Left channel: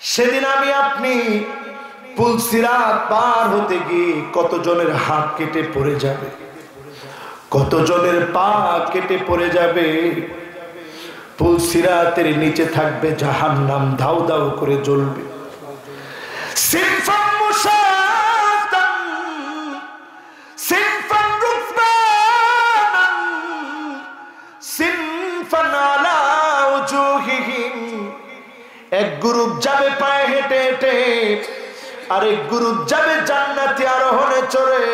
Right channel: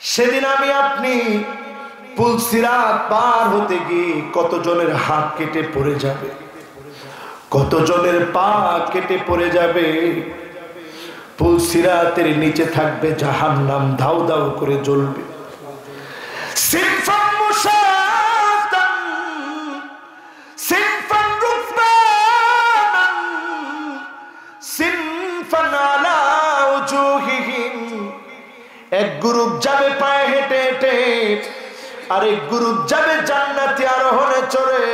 সেদিন আমি আপনি পুলসিরাত পার হতে গিয়ে কতজনের হাত কেটে পড়ে যাবে, কতজনের পা কেটে পড়ে যাবে। পুলসিরাতের নিচে থাকবে জাহান্নাম, দাউ দাউ করে জ্বলবে। সিনফান মুশাতান সিনফান রুকবানান সিনফান আলা উজুহিহিম। এক গ্রুপ যাবে পায়ে হেঁটে হেঁটে, আরেক গ্রুপ যাবে জান্নাতি আরোহণে চড়ে,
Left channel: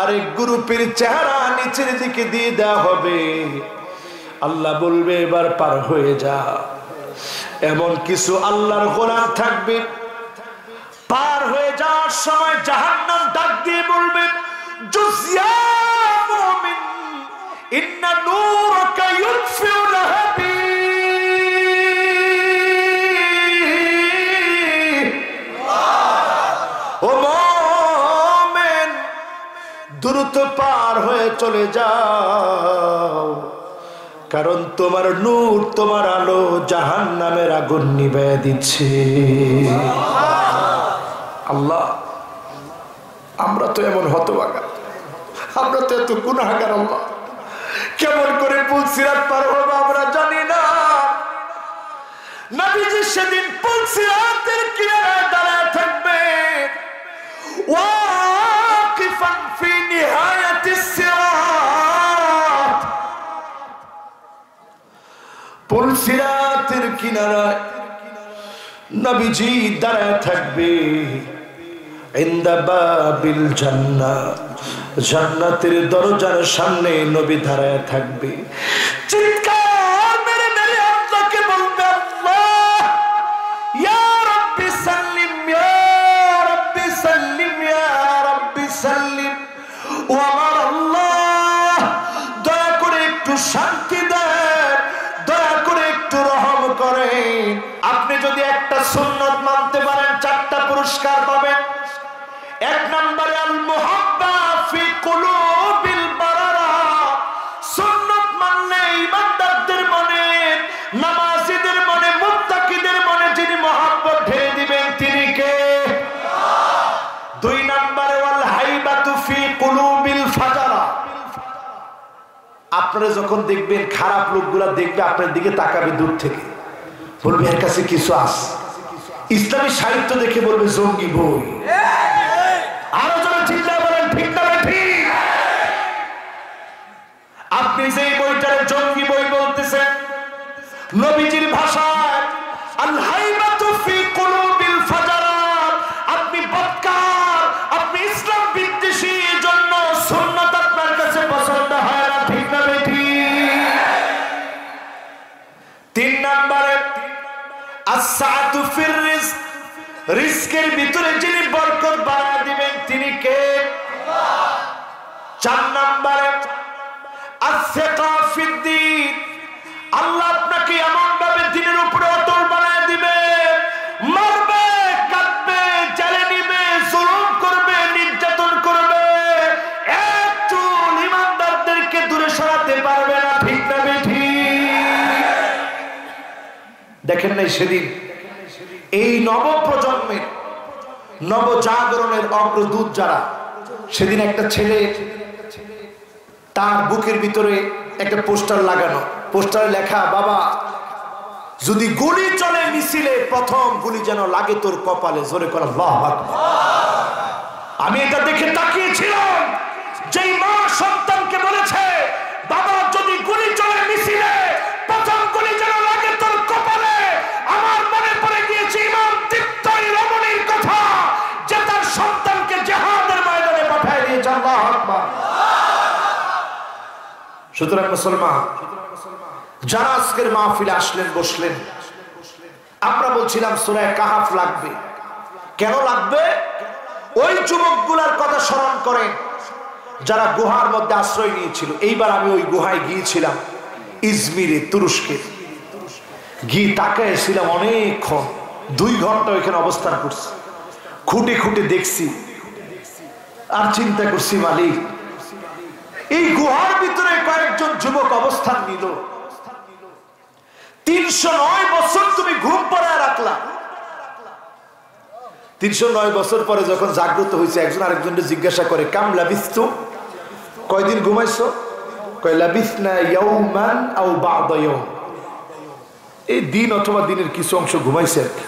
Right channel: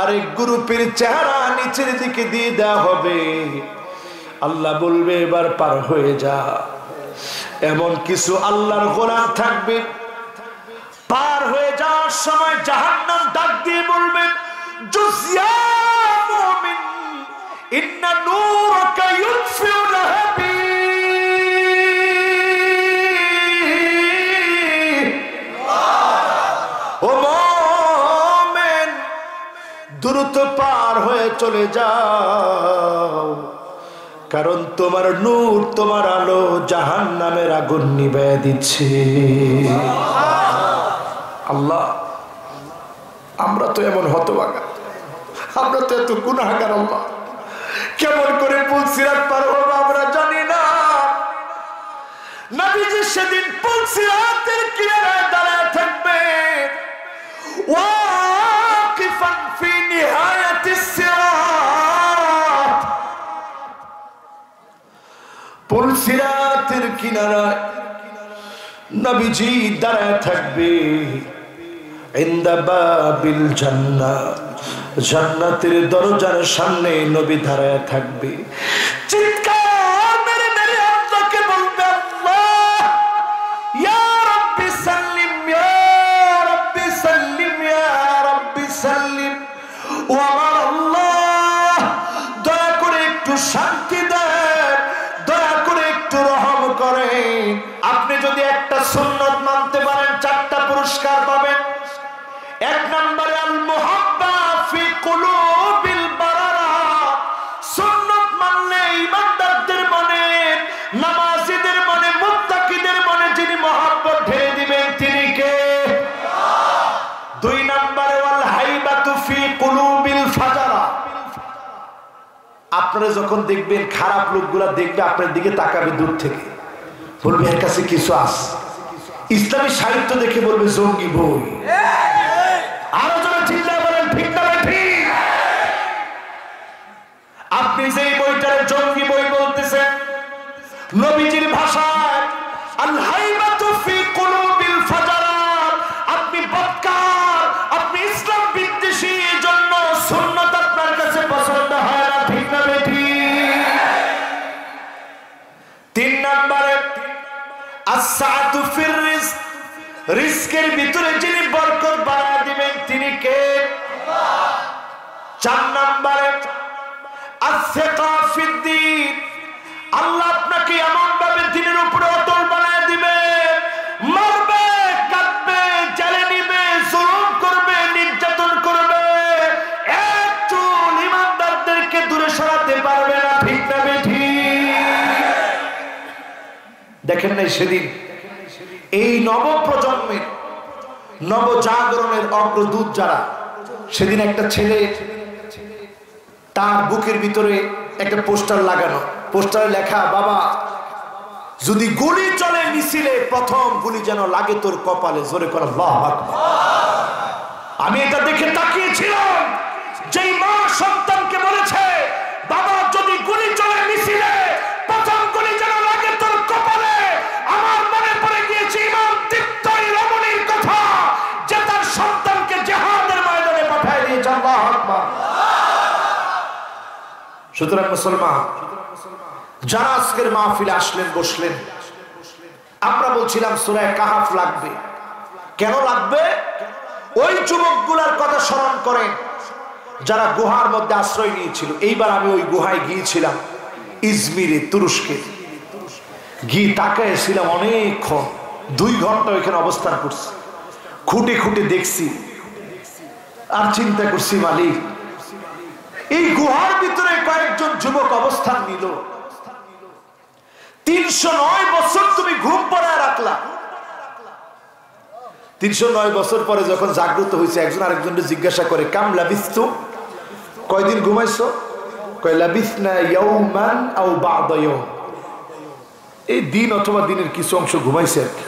আরেক গ্রুপের চেহারা নিচের দিকে দিয়ে দেওয়া হবে। আল্লাহ বলবে এবার পার হয়ে যা। এমন কিছু আল্লাহর গোলাম থাকবে, পার হয়ে যাওয়ার সময় জাহান্নাম ডাক দিয়ে বলবে, জুজিয়া মুমিন ইন্না নূরাকা ইউতফিউ লাহাবি। ও মুমিন, দ্রুত পার হয়ে চলে যাও, কারণ তোমার নূর, তোমার আলো জাহান্নামের আগুন নিভিয়ে দিচ্ছে। আল্লাহ, আমরা তো এমন হতভাগা, আমরা তো এত গুনাহগার। আল্লাহ, কেমন করে পুলসিরাত পার হবো আমরা জানি না। নবীজি সেদিন পুলসিরাতের কিনারায় দাঁড়ায় থাকবে, ওয়াকিফান ফি নিহায়াতিস সিরাত। পুলসিরাতের কিনারায় নবীজি দাঁড়ায় থাকবে। ইনদা বাবিল জান্নাহ, জান্নাতের দরজার সামনে নবী দাঁড়ায় থাকবে। চিৎকার মেরে মেরে আল্লাহকে বলবে, আল্লাহ ইয়া রাব্বি সাল্লিম, ইয়া রাব্বি সাল্লিম, ইয়া রাব্বি সাল্লিম। ও আমার আল্লাহ, দয়া করে একটু শান্তি দেন, দয়া করে একটু রহম করেন। আপনি যদি একটা সুন্নাত মানতে পারেন 4টা পুরস্কার পাবেন। 1 নম্বরে আল মুহাব্বা ফি কুলুবিল বারারা। সুন্নাত মানলে ইমানদারদের মনে, নামাজীদের মনে, মুত্তাকিদের মনে যিনি মহব্বত ঢেলে দিবেন তিনি কে? 2 নম্বরে ওয়াল হাইবাতু ফি কুলুবিল ফাজারা। আপনারা যখন দেখবেন খারাপ লোকগুলা দেখবে আপনার দিকে তাকাবে দূর থেকে, বলবে এর কাছে কিছু আছে। ইসলামী সাহিত্য দেখে বলবে জঙ্গি বই। আরো যারা চিন্তা বলেন ঠিক না ঠিক? আপনি যে বইটার জঙ্গি বই বলতেছেন, নবীজির ভাষায় আল হাইবাতু ফি কুলুবিল ফাজারাত। আপনি বদকার, আপনি ইসলাম বিদ্বেষী, এজন্য সুন্নাত আপনার কাছে পছন্দ হয় না, ঠিক না ঠিক? 3 নম্বরে আস-সাআতু ফির রিজক। রিজকের ভিতরে যিনি বরকত বাড়ায় দিবেন তিনি কে? আল্লাহ। 4 নম্বরে আস-সিকা ফিদ-দ্বীন। আল্লাহ আপনাকে এমন ভাবে দ্বীনের উপরে অটল বানায় দিবে, মারবে, কাটবে, জ্বালে নিবে, জুলুম করবে, নির্যাতন করবে, একটু ইমানদারদেরকে দূরে সরাতে পারবে না, ঠিক না ঠিক? দেখেন নাই সেদিন এই নবপ্রজন্মের, নবজাগরণের অগ্রদূত যারা, সেদিন একটা ছেলে তার বুকের ভিতরে একটা পোস্টার লাগানো, পোস্টারে লেখা, বাবা যদি গুলি চলে মিছিলে প্রথম গুলি যেন লাগে তোর কপালে। জোরে করে আল্লাহু আকবার। আমি এটা দেখে তাকিয়েছিলাম, যেই মা সন্তানকে বলেছে বাবা যদি গুলি চলে মিছিলে প্রথম গুলি যেন লাগে তোর কপালে, আমার মনে পড়ে গিয়েছে ইমাম তিবতাই রমণীর কথা, যে তার সন্তানকে জিহাদের ময়দানে পাঠিয়ে দিয়েছে। আল্লাহু আকবার। সুতরাং মুসলমান যারা আজকের মাহফিলে আসলেন, বসলেন, আমরা বলছিলাম সূরা কাহাফ লাগবে। কেন লাগবে? ওই যুবকগুলার কথা স্মরণ করেন যারা গুহার মধ্যে আশ্রয় নিয়েছিল। এইবার আমি ওই গুহায় গিয়েছিলাম, ইজমিরে, তুরস্কে গিয়ে তাকাইছিলাম অনেকক্ষণ, 2 ঘন্টা ওইখানে অবস্থান করছি, খুঁটে খুঁটে দেখছি আর চিন্তা করছি, মালিক এই গুহার ভিতরে কয়েকজন যুবক অবস্থান নিল, 309 বছর তুমি ঘুম পড়ায় রাখলা, 309 বছর পরে যখন জাগ্রত হয়েছে, একজন আরেকজনকে জিজ্ঞাসা করে, কাম লাবিস্তু, কয়দিন ঘুমাইছো? কয় লাবিসনা ইয়াউমান আও বা'দা ইয়াউম, এই দিন অথবা দিনের কিছু অংশ ঘুমাইছে আর কি।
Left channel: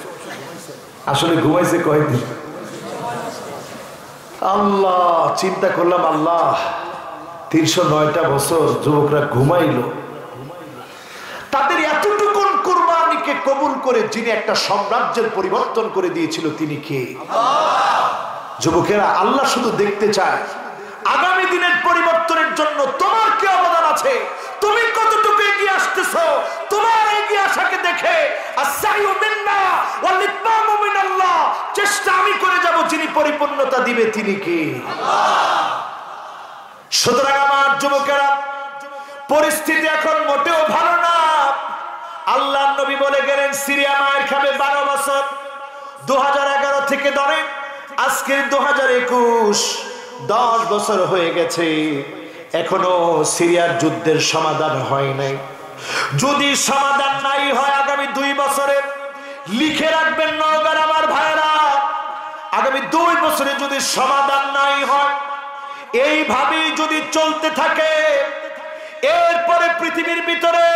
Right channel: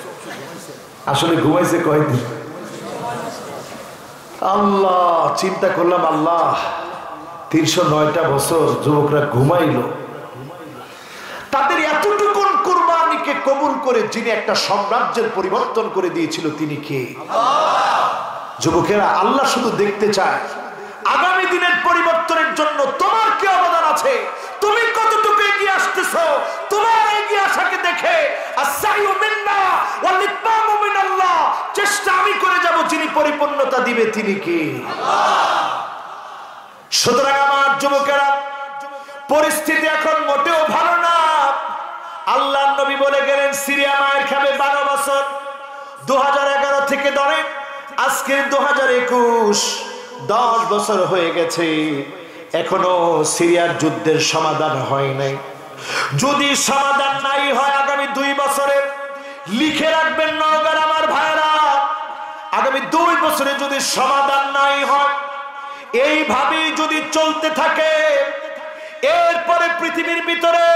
আসলে ঘুমাইছে কয়দিন? আল্লাহ, চিন্তা করলাম, আল্লাহ 309টা বছর যুবকরা ঘুমাইলো, তাদের এতটুকু কুরবানিকে কবুল করে যিনি একটা সাম্রাজ্যের পরিবর্তন করে দিয়েছিল তিনি কে? যুবকেরা, আল্লাহ শুধু দেখতে চায় আগামী দিনের পরিবর্তনের জন্য তোমার কি অবদান আছে, তুমি কতটুকু এগিয়ে আসতেছো। তোমার এগিয়ে আসাকে দেখে আস-সাইয়ু মিন্না ওয়াল ইতমামু মিনাল্লাহ, চেষ্টা আমি করে যাব, যিনি পরিপূর্ণতা দিবে তিনি কে? আল্লাহ। সুতরাং আমার যুবকেরা, পরিস্থিতি এখন মোটেও ভালো না। আল্লাহর নবী বলে গেলেন, সিরিয়া মায়ের খাবে 12 বছর। 2011 থেকে ধরেন আজকে 2021, 10 বছর হয়ে গেছে, এখনো সিরিয়ার যুদ্ধের সমাধান হয় নাই। যদি সমাধান নাই হয় আগামী 2 বছরে, লিখে রাখবেন নওগাঁর আমার ভাইরা, আগামী 2 বছরে যদি সমাধান নাই হয়, এইভাবেই যদি চলতে থাকে, এরপরে পৃথিবীর ভিতরে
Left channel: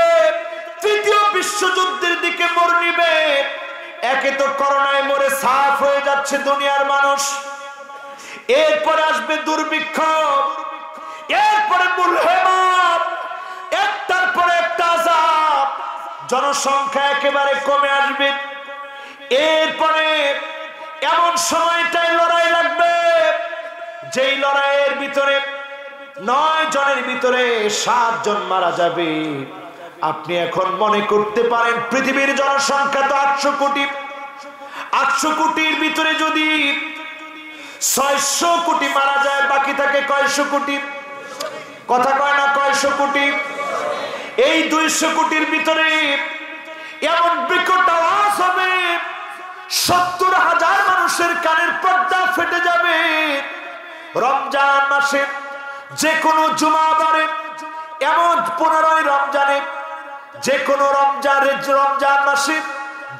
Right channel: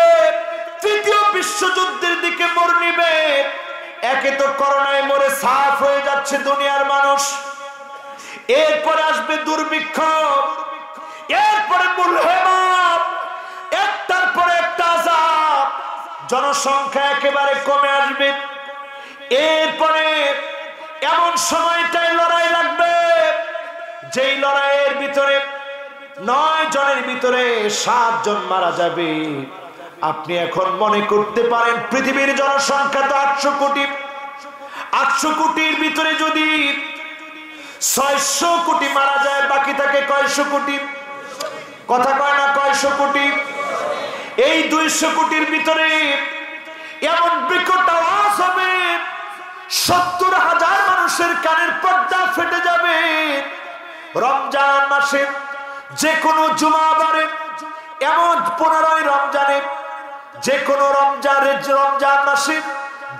তৃতীয় বিশ্বযুদ্ধের দিকে মোড় নিবে। একে তো করোনায় মরে সাফ হয়ে যাচ্ছে দুনিয়ার মানুষ, এরপরে আসবে দুর্ভিক্ষ, এরপরে মুলহেমাত, একটার পর একটা আযাব, জনসংখ্যা একেবারে কমে আসবে। এরপরে এমন সময়টাই লড়াই লাগবে, যেই লড়াইয়ের ভিতরে 9 জনের ভিতরে 7 জন মারা যাবে। আপনি এখন মনে করতে পারেন পৃথিবীর জনসংখ্যা তো 800 কোটি, 800 কোটির ভিতরে যদি 600 কোটি মারা যায়, বাকি থাকে কয়শো কোটি? কথা কয় না, কয়শো কোটি? এই 200 কোটির ভিতরে এমন বিকট আওয়াজ হবে, 70,000 মানুষের কানের পর্দা ফেটে যাবে। রমজান মাসে যে কোনো জুমাবারে, এমন 15 রমজানে, যে কোনো রমজান মাসে,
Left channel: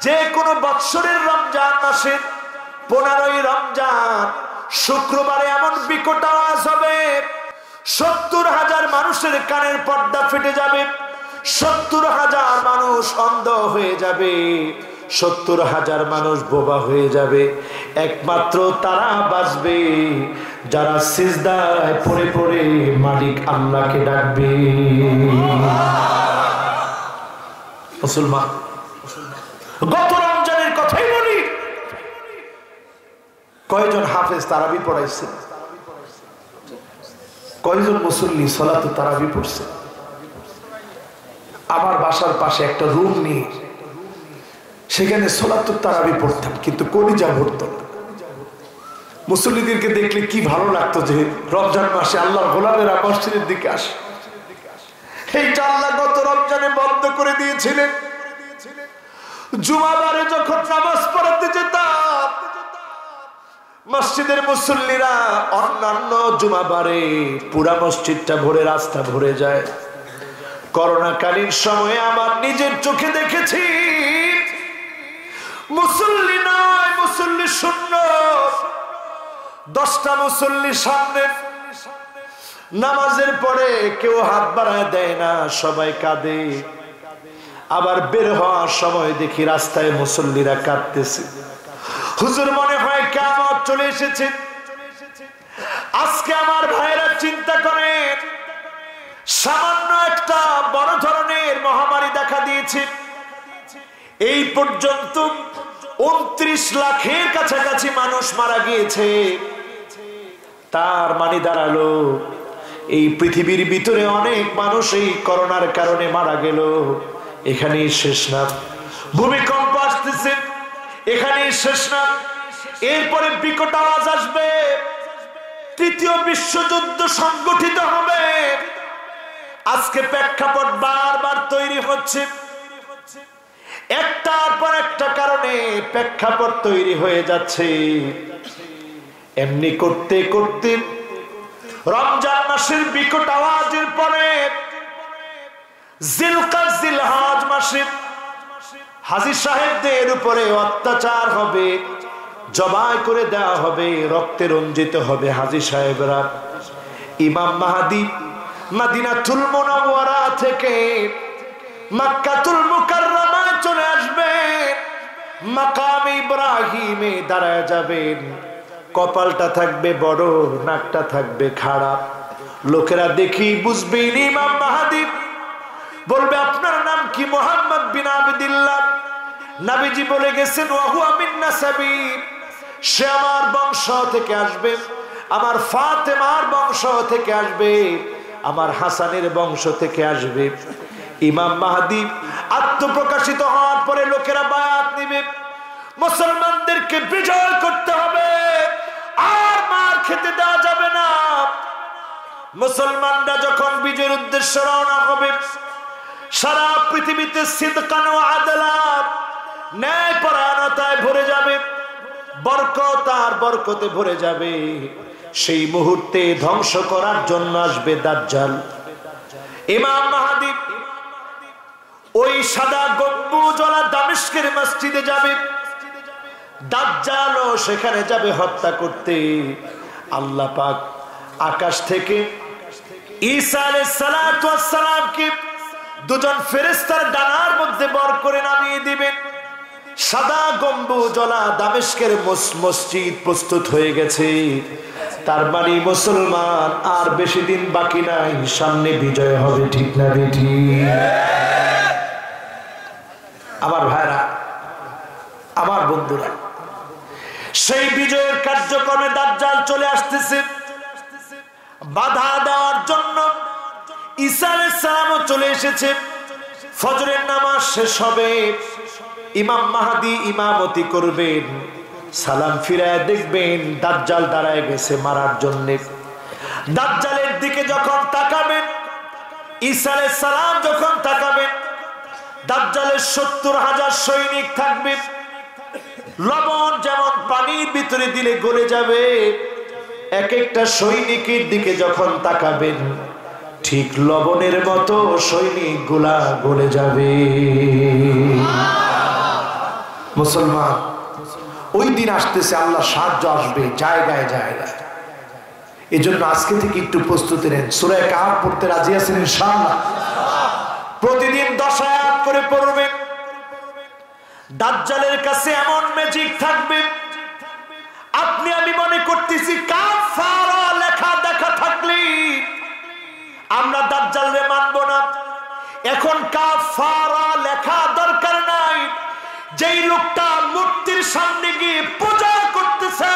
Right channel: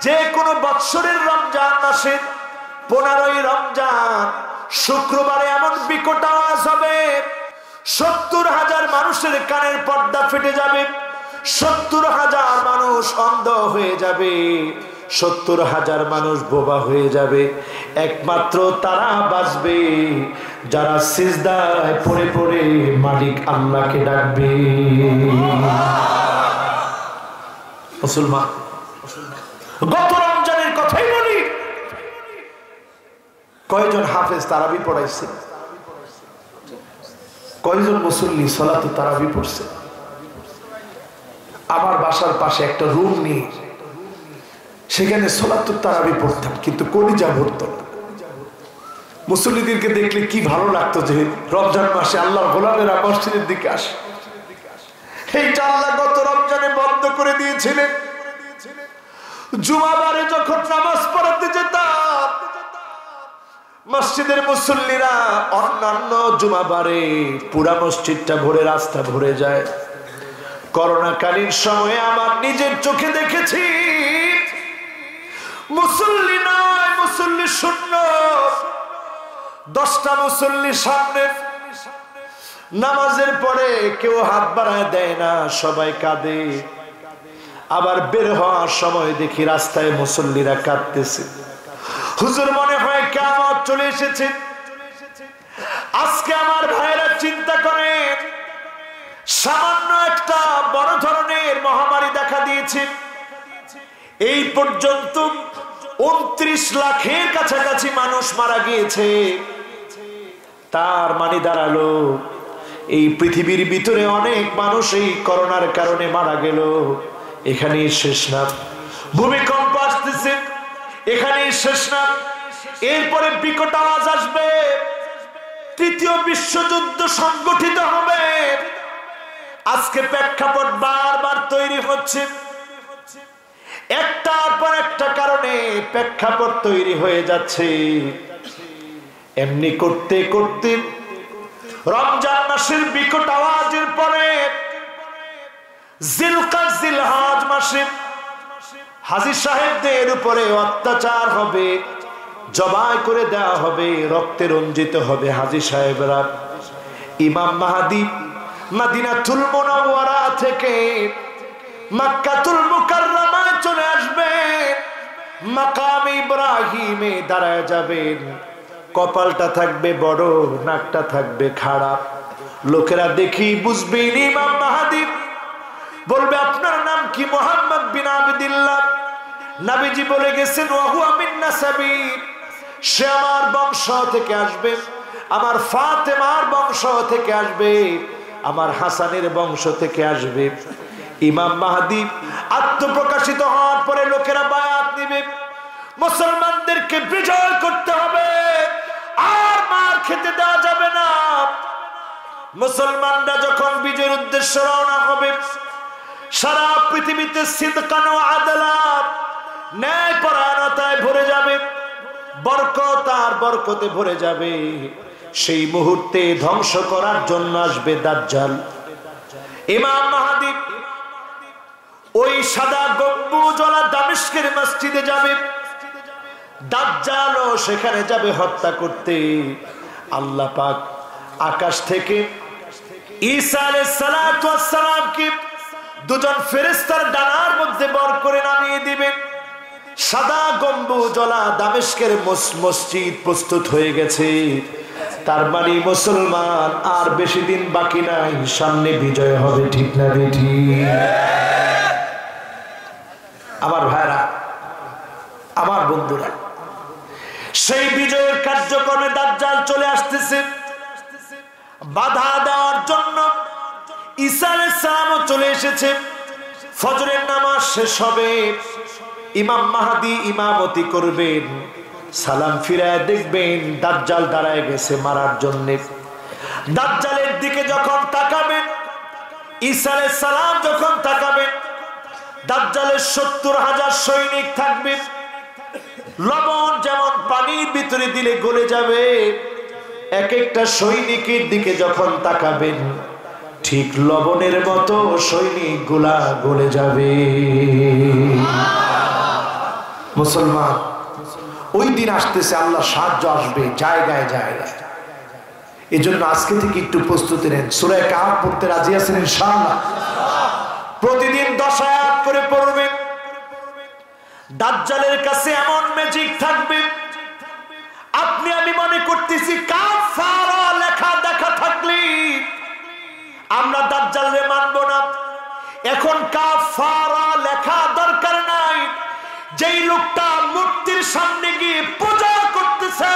যে কোনো বৎসরের রমজান মাসে 15 রমজান শুক্রবারে এমন বিকট আওয়াজ হবে, 70,000 মানুষের কানের পর্দা ফেটে যাবে, 70,000 মানুষ অন্ধ হয়ে যাবে, 70,000 মানুষ বোবা হয়ে যাবে। একমাত্র তারা বাঁচবে যারা সিজদায় পড়ে পড়ে মালিক আল্লাহকে ডাকবে। মুসলমান, গত রমজানের কথাই বলি, কয়জন হাফেজ তারাবি পড়াইছে? কয়জন মুসল্লি সালাতুত তারাবি পড়ছে? আমার বাসার পাশে একটা রুম নিয়ে সেখানে সালাতুত তারাবি পড়তাম, কিন্তু কলিজা ভরতো না। মুসল্লিদেরকে দেখলে কি ভালো লাগতো যে রমজান মাসে আল্লাহর গোলামেরা মসজিদের দিকে আসে। এইটা আল্লাহ গত রমজানে বন্ধ করে দিয়েছিলেন। জুমাবারে যখন নামাজ পড়াতে যেতাম, মসজিদের মুসল্লিরা অন্যান্য জুমাবারে পুরা মসজিদটা ভরে, রাস্তা ভরে যায়। করোনাকালীন সময়ে আমার নিজের চোখে দেখেছি, মুসল্লি নয়, মুসল্লি শূন্য। 10টা মুসল্লি সামনে, নামাজের পরে কেউ হাত বাড়ায় দেয় না, সবাই কাঁদে। আবার বের হওয়ার সময় দেখি রাস্তায় মুসল্লিরা কাঁদতেছে। হুজুর, মনে হয় কিয়ামত চলে এসেছে। আজকে আমার ভাইরা চিন্তা করেন, সামান্য একটা বড় ধরনের মহামারী দেখা দিয়েছে। এই পর্যন্ত 29 লাখের কাছাকাছি মানুষ মারা গিয়েছে। তার মানে দাঁড়ালো এই পৃথিবীর ভিতরে অনেক মানুষ এই করোনার কারণে মারা গেল। এখানেই শেষ না, ভূমিকম্প আসতেছে, এখানেই শেষ না। এরপরে বিকট আওয়াজ আসবে, তৃতীয় বিশ্বযুদ্ধ সংগঠিত হবে। আজকে প্রেক্ষাপট বারবার তৈরি হচ্ছে, একটার পর একটা কারণে প্রেক্ষাপট তৈরি হয়ে যাচ্ছে। এমনি করতে করতে রমজান মাসের বিকট আওয়াজের পরে জিলহজ মাসে হাজী সাহেবদের উপরে অত্যাচার হবে, জবাই করে দেওয়া হবে, রক্তে রঞ্জিত হবে। হাজী সাহেবরা, ইমাম মাহদী মদিনাতুল মুনাওয়ারা থেকে মক্কাতুল মুকাররমায় চলে আসবেন, মাকাম ইব্রাহিমে দাঁড়ায় যাবেন। কপালটা থাকবে বড়, নাকটা থাকবে খারাপ। লোকেরা দেখি বুঝবেন ইমাম মাহদী। বলবে আপনার নাম কি? মুহাম্মদ বিন আবদুল্লাহ। নবীজি বলে গেছেন ওয়া হুয়া মিন নাসাবি, সে আমার বংশ থেকে আসবে, আমার ফাতেমার বংশ থেকে আসবে, আমার হাসানের বংশ থেকে আসবে। ইমাম মাহদী আত্মপ্রকাশিত হওয়ার পরে লোকেরা বায়াত নেবে, মুসলমানদেরকে বিজয় করতে হবে, আর মার খেতে দেওয়া যাবে না। মুসলমানরা যখন বিজয়ের উদ্দেশ্যে রওনা হবে, সারা পৃথিবীতে সিদকান ওয়া আদালাত, ন্যায় পরায়ণতায় ভরে যাবে, বরকত আর বরকতে ভরে যাবে। সেই মুহূর্তে ধ্বংস করার জন্য আসবে দাজ্জাল। ইমাম মাহদী ওই সাদা গম্বুজওয়ালা দামেস্কের মসজিদে যাবে, দাজ্জালও সেখানে যাবে হত্যা করতে। আল্লাহ পাক আকাশ থেকে ঈসা আলাইহিস সালাতু ওয়াস সালামকে দুজন ফেরেশতার ডানার মধ্যে বর করে নামিয়ে দিবেন। সাদা গম্বুজওয়ালা দামেস্কের মসজিদ প্রস্তুত হয়ে গেছে। তার মানে মুসলমান আর বেশি দিন বাকি নাই, সামনে বিজয় হবে। ঠিক না বেঠি? আমার ভাইরা, আমার বন্ধুরা, সেই বিজয়ের কার্যক্রমে দাজ্জাল চলে আসতেছে। বাধা দেওয়ার জন্য ঈসা আলাইহিস সালামও চলে এসেছে। ফজরের নামাজ শেষ হবে, ইমাম মাহদী ইমামতি করবেন। সালাম ফিরায় দেখবেন দাজ্জাল দাঁড়ায় গেছে মারার জন্য। দাজ্জালের দিকে যখন তাকাবেন, ঈসা আলাইহিস সালাম যখন তাকাবেন, দাজ্জালের 70,000 সৈনিক থাকবে। লবণ যেমন পানির ভিতরে দিলে গলে যাবে, এক একটা সৈনিকের দিকে যখন তাকাবেন, ঠিক লবণের মতো সৈনিকগুলা গলে যাবে। মুসলমান, ওই দিন আসতেছে, আল্লাহ সাহায্য আসবে জায়গায় জায়গায়। এই জন্য আজকে থেকে একটু প্রস্তুতি নেন। সূরা কাহফ পড়তে রাজি আছেন ইনশাআল্লাহ? প্রতিদিন 10 আয়াত করে পড়বেন। দাজ্জালের কাছে এমন ম্যাজিক থাকবে, আপনি আমি মনে করতেছি কাফারা লেখা দেখা থাকলে আমরা দাজ্জালরে মানব না। এখন কাফারা লেখা দরকার নাই। যেই লোকটা মূর্তির সামনে গিয়ে পূজা করতেছে,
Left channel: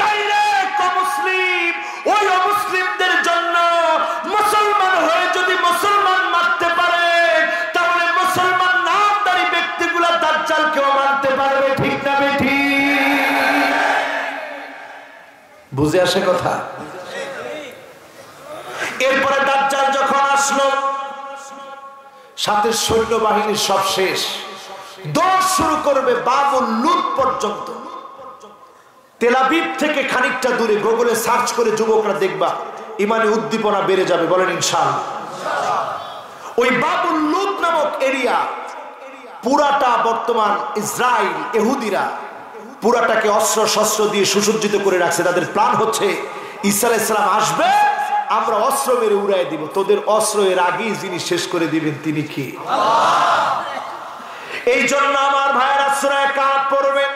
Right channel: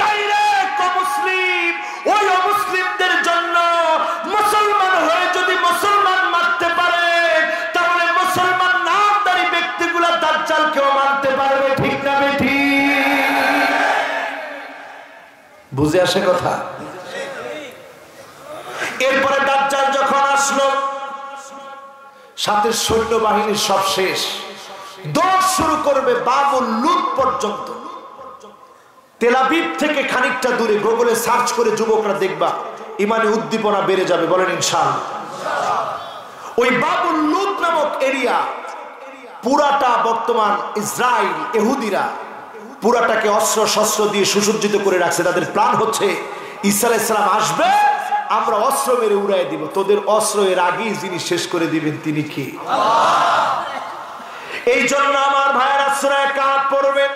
ডাইরেক্ট অমুসলিম, ওই অমুসলিমদের জন্য মুসলমান হয়ে যদি মুসলমান মারতে পারে, তাহলে মুসলমান নামধারী ব্যক্তিগুলা দাজ্জালকেও মানতে পারবে। ঠিক না বেঠি? বুঝে আসে কথা? এরপরে দাজ্জাল যখন আসলো, সাথে সৈন্যবাহিনী সব শেষ, দৌড় শুরু করবে বাবুল লুদ পর্যন্ত। তেল আবিব থেকে খানিকটা দূরে গুগলে সার্চ করে যুবকরা দেখবা, ইমানে উদ্দীপনা বেড়ে যাবে। বলেন ইনশাআল্লাহ। ওই বাবুল লুদ নামক এরিয়া পুরাটা বর্তমান ইসরায়েল ইহুদিরা পুরাটাকে অস্ত্র শস্ত্র দিয়ে সুসজ্জিত করে রাখছে। তাদের প্ল্যান হচ্ছে ঈসা আলাইহিস সালাম আসবে, আমরা অস্ত্র মেরে উড়াই দিব, তোদের অস্ত্র এর আগেই যিনি শেষ করে দিবেন তিনি কি? এই জন্য আমার ভাইয়েরা সূরা কাহফ পড়বেন,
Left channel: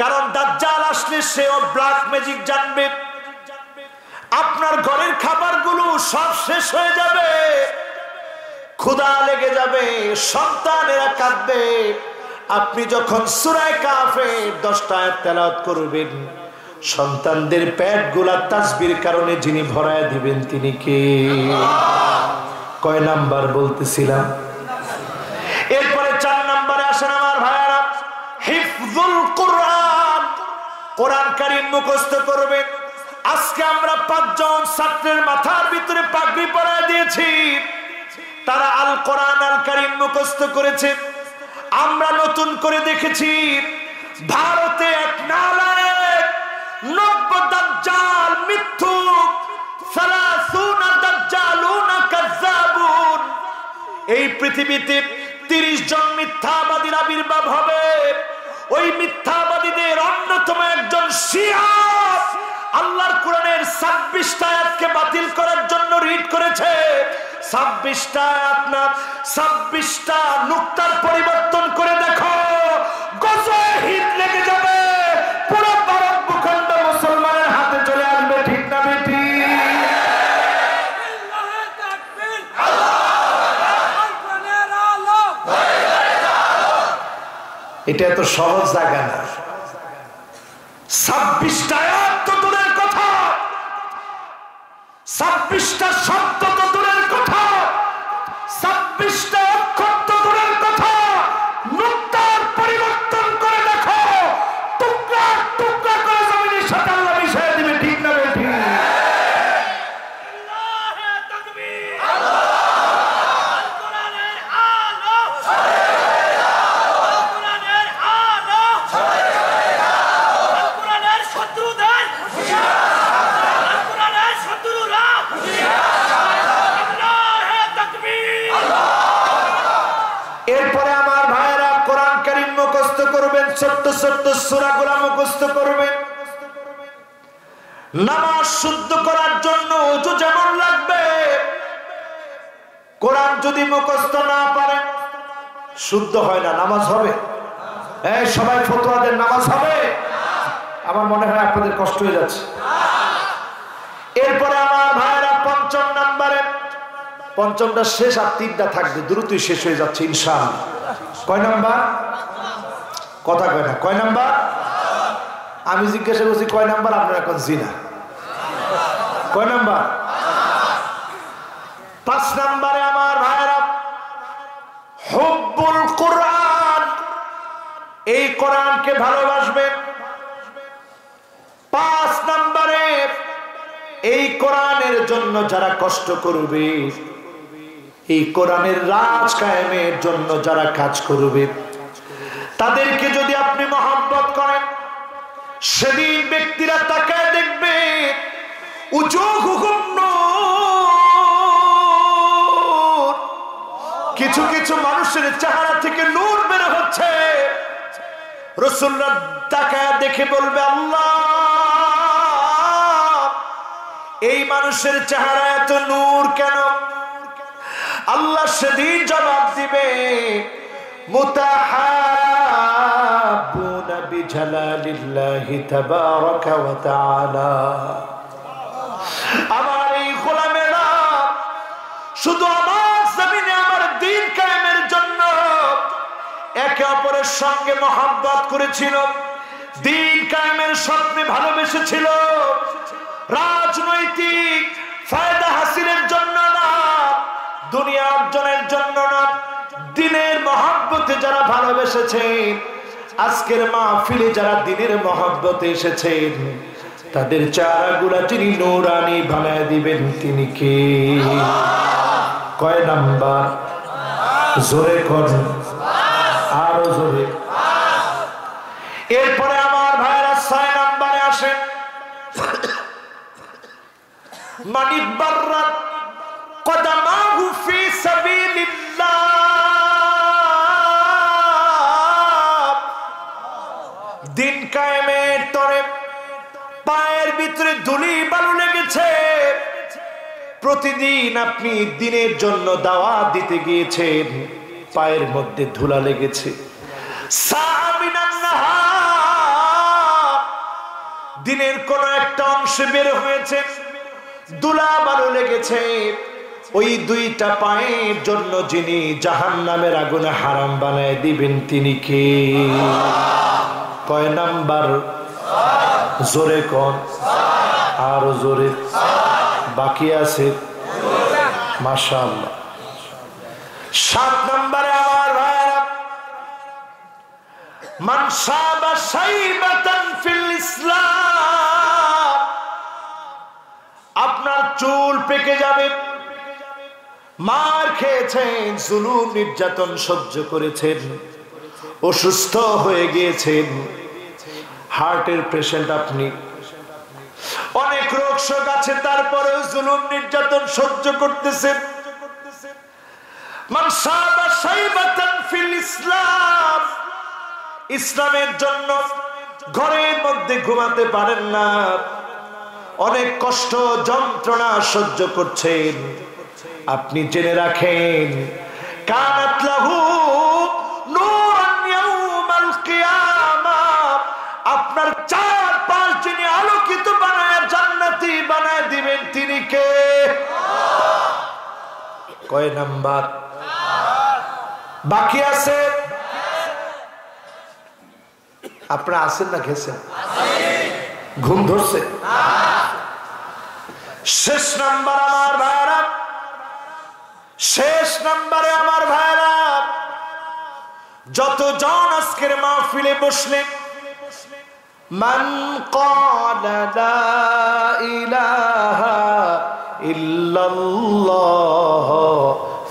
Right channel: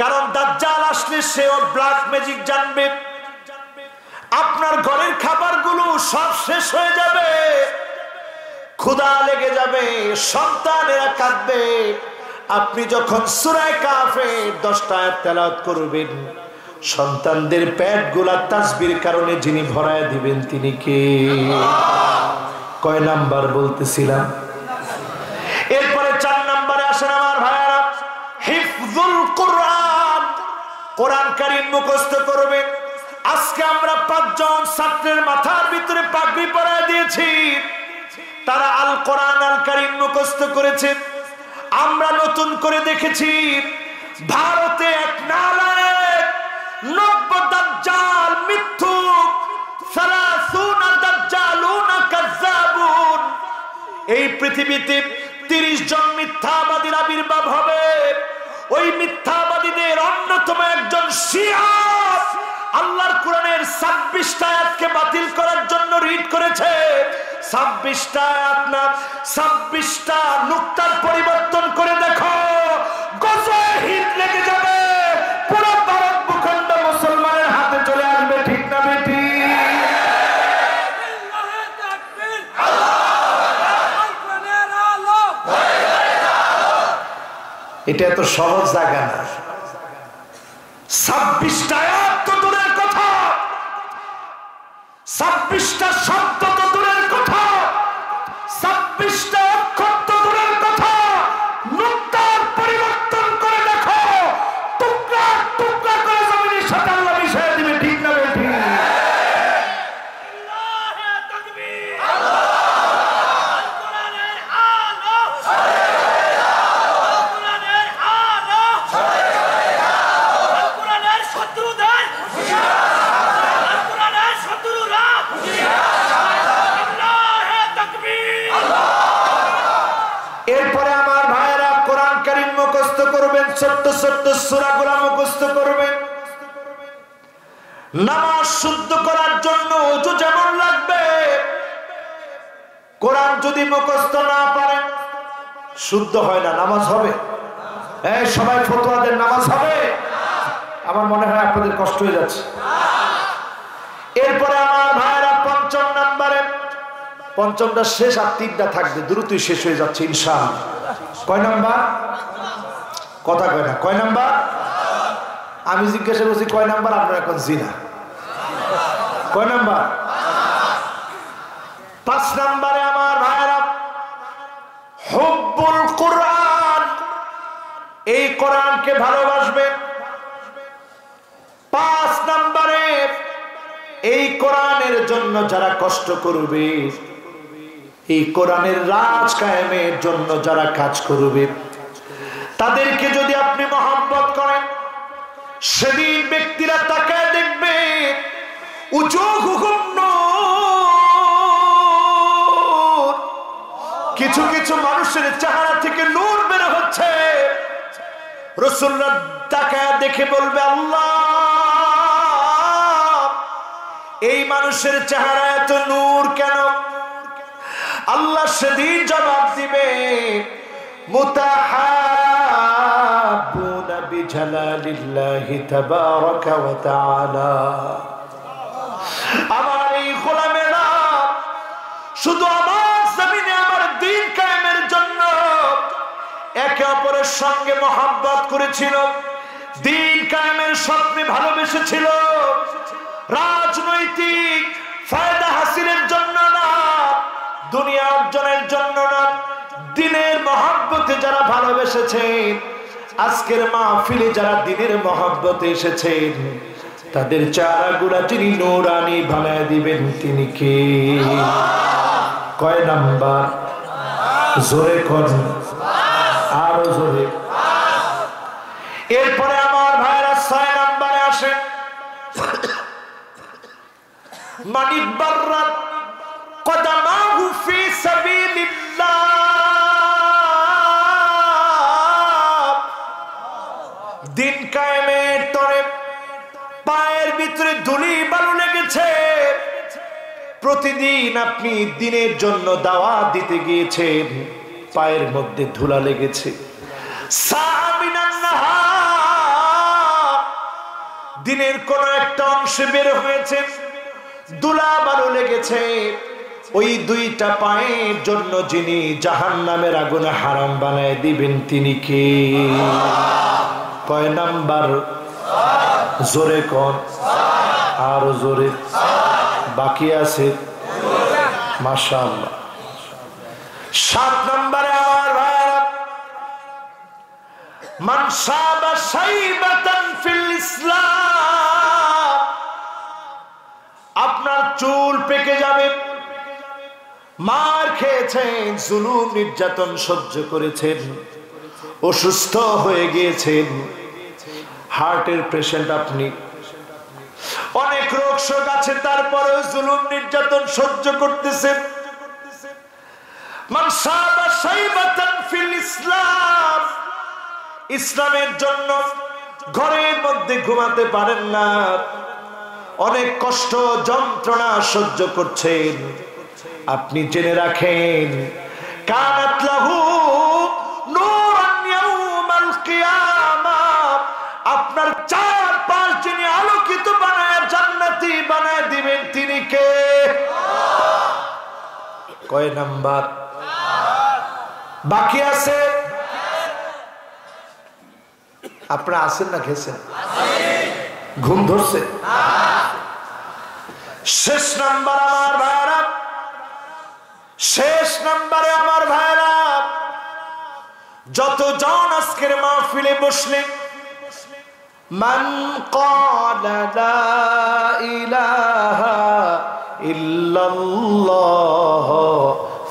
কারণ দাজ্জাল আসলে সেও ব্ল্যাক ম্যাজিক জানবে। আপনার ঘরের খাবারগুলো সব শেষ হয়ে যাবে, ক্ষুধা লেগে যাবে, সন্তানেরা কাঁদবে। আপনি যখন সূরা কাহফে 10টা আয়াত তেলাওয়াত করবেন, সন্তানদের পেটগুলা তাসবির কারণে যিনি ভরায় দিবেন তিনি কে? কয় নাম্বার বলতেছিলাম? এরপরে 4 নম্বরে আসেন আমার ভাইয়ারা, হিফজুল কোরআন। কোরআন কারীম মুখস্থ করবেন। আজকে আমরা 5 জন ছাত্রের মাথার ভিতরে পাগড়ি পরায় দিয়েছি, তারা আল কোরআন আল কারীম মুখস্থ করেছে। আমরা নতুন করে দেখেছি ভারতে এক নালায়েক, 90 দাজ্জাল মিথ্যুক, 30 দাজ্জালুন কাযাবুন। এই পৃথিবীতে 30 জন মিথ্যাবাদীর আবির্ভাব হবে। ওই মিথ্যাবাদীদের অন্যতম একজন শিয়া আল্লাহর কোরআনের 26টা আয়াতকে বাতিল করার জন্য রিড করেছে। 26টা আয়াত না, 26টা নুক্তার পরিবর্তন করে দেখো, গজয়ে হিট লেগে যাবে, পুরো ভারত ভূখণ্ড মুসলমানের হাতে চলে আসবে। ঠিক না বেটি? এটা এত সহজ জায়গা না। 26টা আয়াত তো দূরের কথা, 26টা শব্দ তো দূরের কথা, 26টা অক্ষর তো দূরের কথা, নুক্তার পরিবর্তন করে দেখো, টুকরা টুকরা করে জমিনের সাথে আল্লাহ মিশিয়ে দিবে। ঠিক না বেটি? এরপরে আমার ভাইয়েরা কোরআন কারীম মুখস্থ করবেন, ছোট্ট ছোট্ট সূরাগুলো মুখস্থ করবেন। নামাজ শুদ্ধ করার জন্য ওযু যেমন লাগবে, কোরআন যদি মুখস্থ না পারেন শুদ্ধ হয় না, নামাজ হবে? এই সবাই ফতোয়া দেন, নামাজ হবে? আমার মনে হয় আপনাদের কষ্ট হয়ে যাচ্ছে। এরপরে আমার ভাইয়েরা পঞ্চম নম্বরে, পঞ্চমটা শেষ আর তিনটা থাকবে, দ্রুতই শেষ হয়ে যাচ্ছে ইনশাআল্লাহ। কয় নাম্বার? কথা কয় না। কয় নাম্বার? আমি জিজ্ঞাসা করছি কয় নাম্বার, আপনারা এখন জিনা। কয় নাম্বার? 5 নম্বরে আমার ভাইয়েরা হুব্বুল কোরআন, এই কোরআনকে ভালোবাসবেন। 5 নম্বরে এই কোরআনের জন্য যারা কষ্ট করবে, এই কোরআনের রাজ কায়েমের জন্য যারা কাজ করবে, তাদেরকে যদি আপনি মহব্বত করেন, সেদিন ব্যক্তিরা তাকায় দেখবে উজুহুহুম নূর, কিছু কিছু মানুষের চেহারা থেকে নূর বের হচ্ছে। রাসূলুল্লাহ তাকায় দেখে বলবে, আল্লাহ, এই মানুষের চেহারা এত নূর কেন? আল্লাহ সেদিন জবাব দিবে, মুতাহাব্বুনা বিজালালিল্লাহি তাবারাকা ওয়া তাআলা। আমার এই গোলামেরা শুধু আমার জমিনে আমার দ্বীন কায়েমের জন্য একে অপরের সঙ্গে মহব্বত করেছিল, দ্বীন কায়েমের স্বপ্নে ভালোবেসেছিল, রাজনৈতিক ফায়দা হাসিলের জন্য না, দুনিয়া অর্জনের জন্য না, দ্বীনের মহব্বতে যারা ভালোবেসেছেন, আজকের মাহফিলে যারা দ্বীনের মহব্বতে এসেছেন, তাদের চেহারাগুলা যিনি নূরানি বানায় দিবেন তিনি কে? কয় নাম্বার? জোরে কোন, আরো জোরে। এরপরে আমার ভাইরা 6 নম্বরে আসেন, মানিবাররাত কদমাহু ফি সাবিলিল্লাহ, দিন কায়েমের তরে পায়ের ভিতরে ধুলি বালু লেগেছে, প্রতিদিন আপনি দিনের জন্য দাওয়াত দিতে গিয়েছেন, পায়ের মধ্যে ধুলা লেগেছে। সামিনান নাহার, দিনের কোন একটা অংশে বের হয়েছে, ধুলা বালু লেগেছে, ওই দুইটা পায়ের জন্য যিনি জাহান্নামের আগুনে হারাম বানায় দিবেন তিনি কে? কয় নাম্বার? জোরে কোন, আরো জোরে। বাকি আছে মাশাআল্লাহ। 7 নম্বরে আমার ভাইরা, মান সাবা শাইবাতান ফিল ইসলাম, আপনার চুল পেকে যাবে, মার খেয়েছেন, জুলুম নির্যাতন সহ্য করেছেন, অসুস্থ হয়ে গিয়েছেন, হার্টের পেশেন্ট আপনি, অনেক রোগ শোক আছে, তারপরেও জুলুম নির্যাতন সহ্য করতেছেন। মান সাবা শাইবাতান ফিল ইসলাম, ইসলামের জন্য ঘরের মধ্যে ঘুমাতে পারেন না, অনেক কষ্ট যন্ত্রণা সহ্য করছেন, আপনি জেনে রাখেন কানাত লাহু নূরান ইয়াউমাল কিয়ামাহ, আপনার চারপাশ যিনি আলোকিত বানায় জান্নাতি বানায় দিবেন তিনি কে? কয় নাম্বার? বাকি আছে? আপনারা আছেন না খেয়েছেন? ঘুম ধরছে? শেষ নাম্বার আমার ভাইরা, শেষ নাম্বারে আমার ভাইরা, যতজন আজকের মাহফিলে বসলেন, মান ক্বালা লা ইলাহা ইল্লাল্লাহ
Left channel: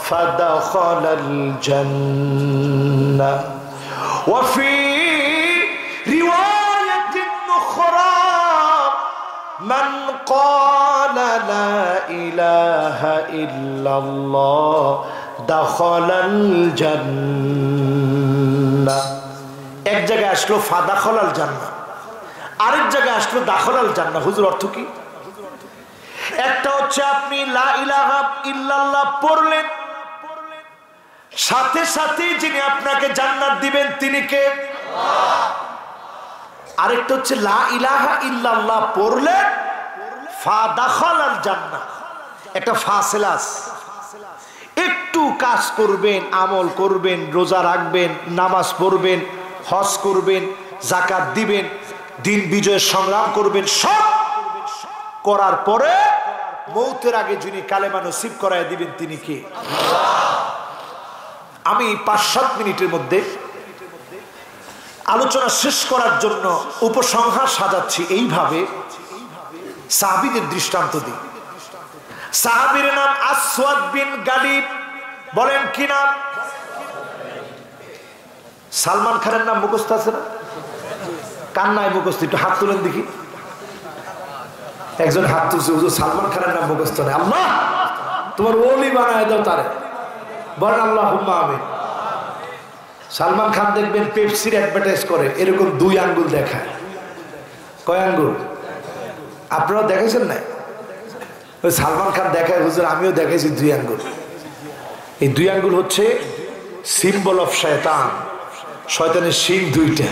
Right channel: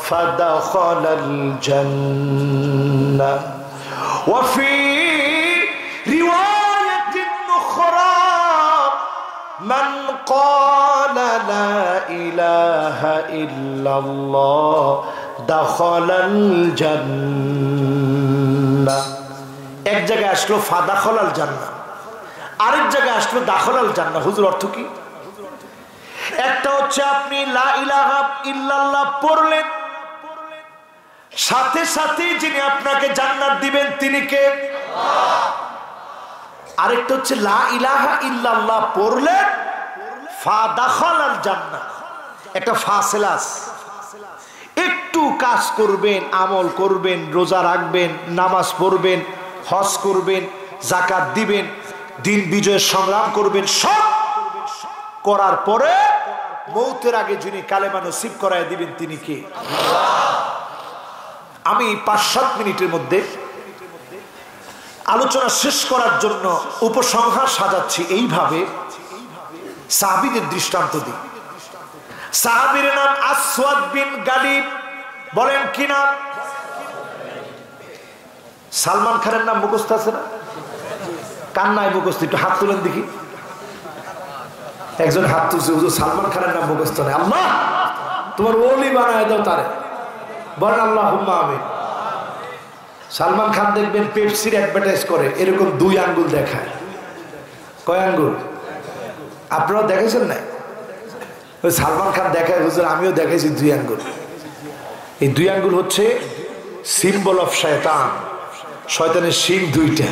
ফাদাখালাল জান্নাহ ওয়া ফি রিওয়ায়াতিন উখরা মান ক্বালা লা ইলাহা ইল্লাল্লাহ দাখালাল জান্নাহ। এক জায়গায় আসলো ফাদাখালাল জান্নাহ, আরেক জায়গায় আসলো দাখালাল জান্নাহ। হুজুর অর্থ কি? একটা হচ্ছে আপনি লা ইলাহা ইল্লাল্লাহ পড়লেন, সাথে সাথে যিনি আপনাকে জান্নাত দিবেন তিনি কে? আরেকটা হচ্ছে লা ইলাহা ইল্লাল্লাহ পড়লেন ফাদাখালাল জান্নাহ, একটা ফাসিলাস। একটু কাজ করবেন, আমল করবেন, রোজা রাখবেন, নামাজ পড়বেন, হজ করবেন, যাকাত দিবেন, দিন বিজয়ের সংগ্রাম করবেন, সব করার পরে মৌতের আগে যিনি কালেমা নসিব করায় দিবেন তিনি কে? আমি 5-7 মিনিটের মধ্যে আলোচনা শেষ করার জন্য উপসংহার সাজাচ্ছি এইভাবে, সাহাবীদের দৃষ্টান্ত দিই। সাহাবীর নাম আসওয়াদ বিন গালিব। বলেন কি নাম? সালমান খানের নাম মুখস্থ আছে না? কার নাই মুখস্থ? একটু হাত তুলেন দেখি। একজন হাত তুলছে, হুজুর সালমান খানের নাম মুখস্থ নেই। আল্লাহ তোমার ওলি বানায় দাও তারে। বলেন আল্লাহুম্মা আমিন। সালমান খান দেখবেন পেপসির অ্যাডভার্টাইজ করে, এরকম 2 আঙ্গুল দেখায়। কয় আঙ্গুল? আপনারা দেখেছেন না? ওই সালমান খান দেখায়, হুজুর আমিও দেখাইছি 2 আঙ্গুল। এই 2 আঙ্গুল হচ্ছে সিম্বল অফ শয়তান, শয়তানের শিং 2টা।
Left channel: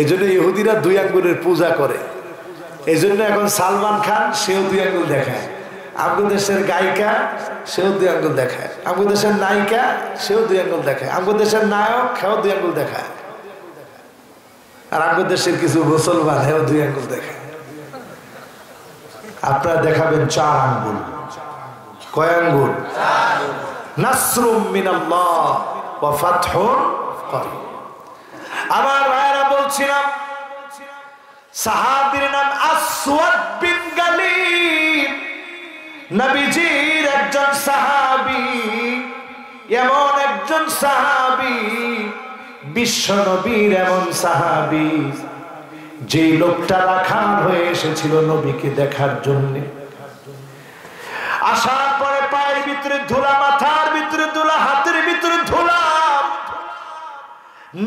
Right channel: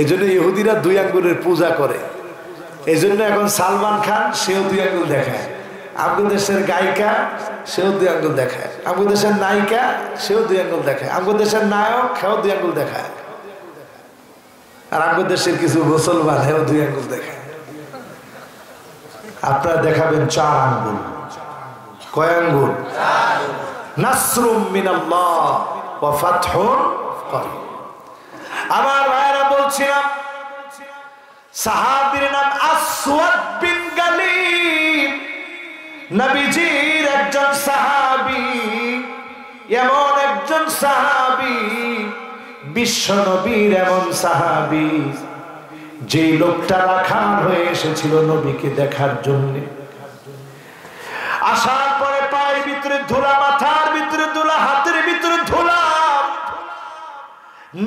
এই জন্য ইহুদিরা 2 আঙ্গুলের পূজা করে। এই জন্য এখন সালমান খান সেও 2 আঙ্গুল দেখায়, আমাদের দেশের গায়িকা সেও 2 আঙ্গুল দেখায়, আমাদের দেশের নায়িকা সেও 2 আঙ্গুল দেখায়, আমাদের দেশের নায়ক সেও 2 আঙ্গুল দেখায়, আর আমাদের দেশের কিছু মুসলমান সেও 2 আঙ্গুল দেখায়। আপনারা দেখাবেন 4 আঙ্গুল। কয় আঙ্গুল? নাসরুম মিনাল্লাহ ওয়া ফাতহুন করিব। আমার ভাইরা বলছিলাম, সাহাবীর নাম আসওয়াদ বিন গালিব, নবীজির একজন সাহাবী, এমন একজন সাহাবী, বিশ্ব নবীর এমন সাহাবী, যে লোকটা রাখাল হয়ে এসেছিল নবীকে দেখার জন্য। আসার পরে পায়ের ভিতরে ধুলা, মাথার ভিতরে ধুলা, হাতের ভিতরে ধুলা।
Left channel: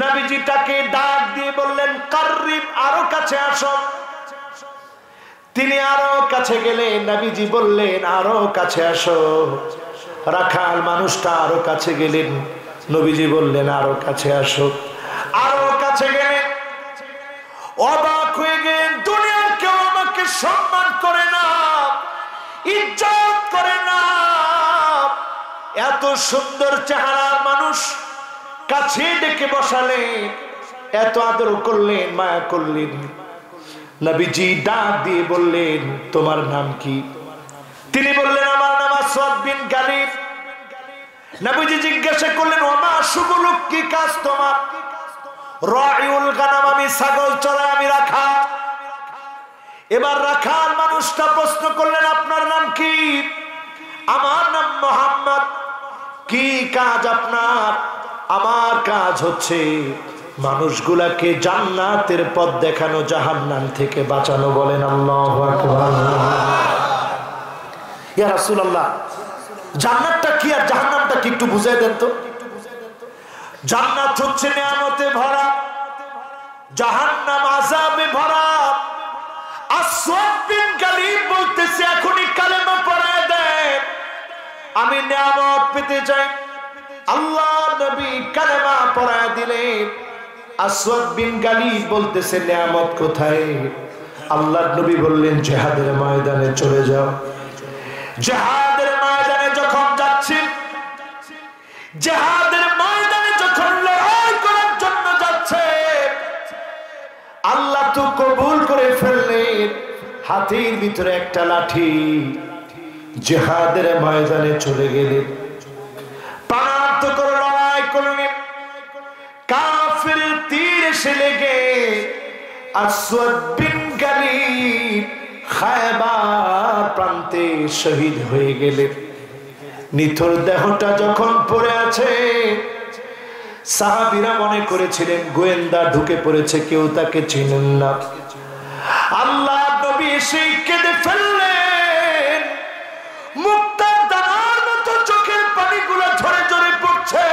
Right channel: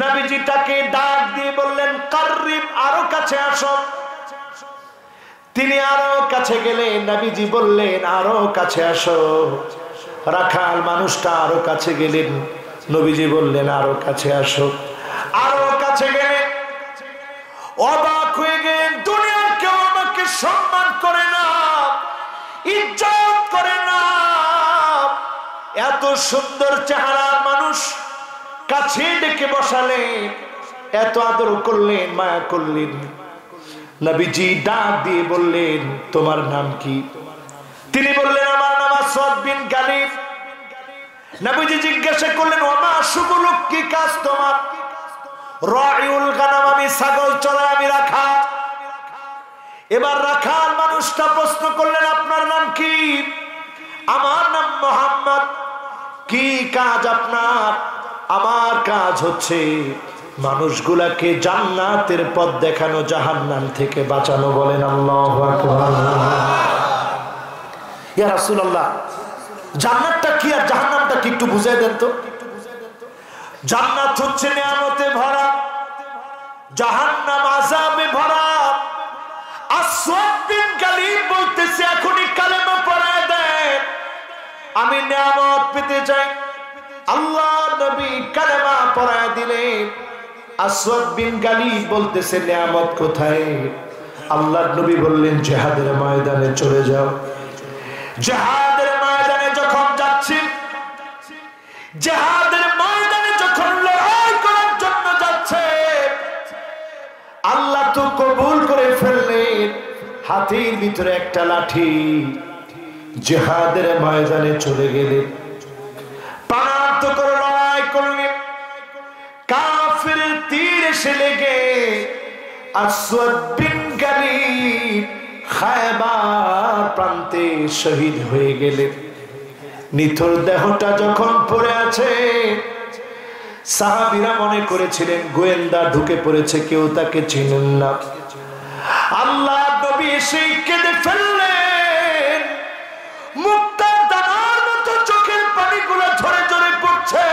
নবীজি তাকে ডাক দিয়ে বললেন, কাররিব, আরো কাছে আসো। তিনি আরো কাছে গেলেন, নবীজি বললেন, আরো কাছে আসো। রাখাল মানুষটা আরো কাছে গেলেন, নবীজি বললেন, আরো কাছে আসো। আরো কাছে গেলেন, অবাক হয়ে গেলেন, দুনিয়ার কেউ আমাকে সম্মান করে না, ইজ্জত করে না। এত সুন্দর চেহারার মানুষ কাছে ডেকে বসালেন, এত আদর করলেন, মায়া করলেন। নবীজি ডাক দিয়ে বললেন, তোমার নাম কি? তিনি বললেন, আমার নাম আসওয়াদ বিন গালিব। নবীজি জিজ্ঞাসা করলেন, ওমা শুগুলুক, কি কাজ তোমার? রাইউল গানাম, আমি ছাগল চড়াই, আমি রাখাল। এবার রাখাল মানুষটা প্রশ্ন করলেন, আপনার নাম কি? আমার নাম মুহাম্মদ। কি কাজ আপনার? আমার কাজ হচ্ছে মানুষগুলাকে জান্নাতের পথ দেখানো, জাহান্নাম থেকে বাঁচানো। বলেন আল্লাহু আকবার। ইয়া রাসূলুল্লাহ, জান্নাতটা কি আর জাহান্নামটা কি একটু বুঝাই দেন তো। জান্নাত হচ্ছে নিয়ামতে ভরা, জাহান্নাম আযাবে ভরা। আসওয়াদ বিন গালিব বলতেছে এখনই কালেমা পড়ায় দেন, আমি নিয়ামত পেতে চাই। আল্লাহ নবী কালেমা পড়ায় দিলেন। আসওয়াদ বিন গালিব বলতেছে নিয়ামত কোথায়? আল্লাহর নবী বললেন জিহাদের ময়দানে চলে যাও। জিহাদের ময়দানে যখন যাচ্ছি, জিহাদের ময়দানে যখন লড়াই করার জন্য যাচ্ছে, আল্লাহ তো কবুল করে ফেললেন হাতের ভিতরে একটা লাঠি। জিহাদের ময়দানে চলে গেলেন, প্রাণান্ত করে লড়াই করলেন। কাফির তীর এসে লেগে আসওয়াদ বিন গালিব খায়বার প্রান্তে শহীদ হয়ে গেলেন। নিথর দেহটা যখন পড়ে আছে, সাহাবীরা মনে করেছিলেন গোয়েন্দা ঢুকে পড়েছে, কেউ তাকে চিনেন না। আল্লাহ নবী এসে কেঁদে ফেললেন, মুক্তার দানার মতো চোখের পানিগুলো ঝরে ঝরে পড়ছে।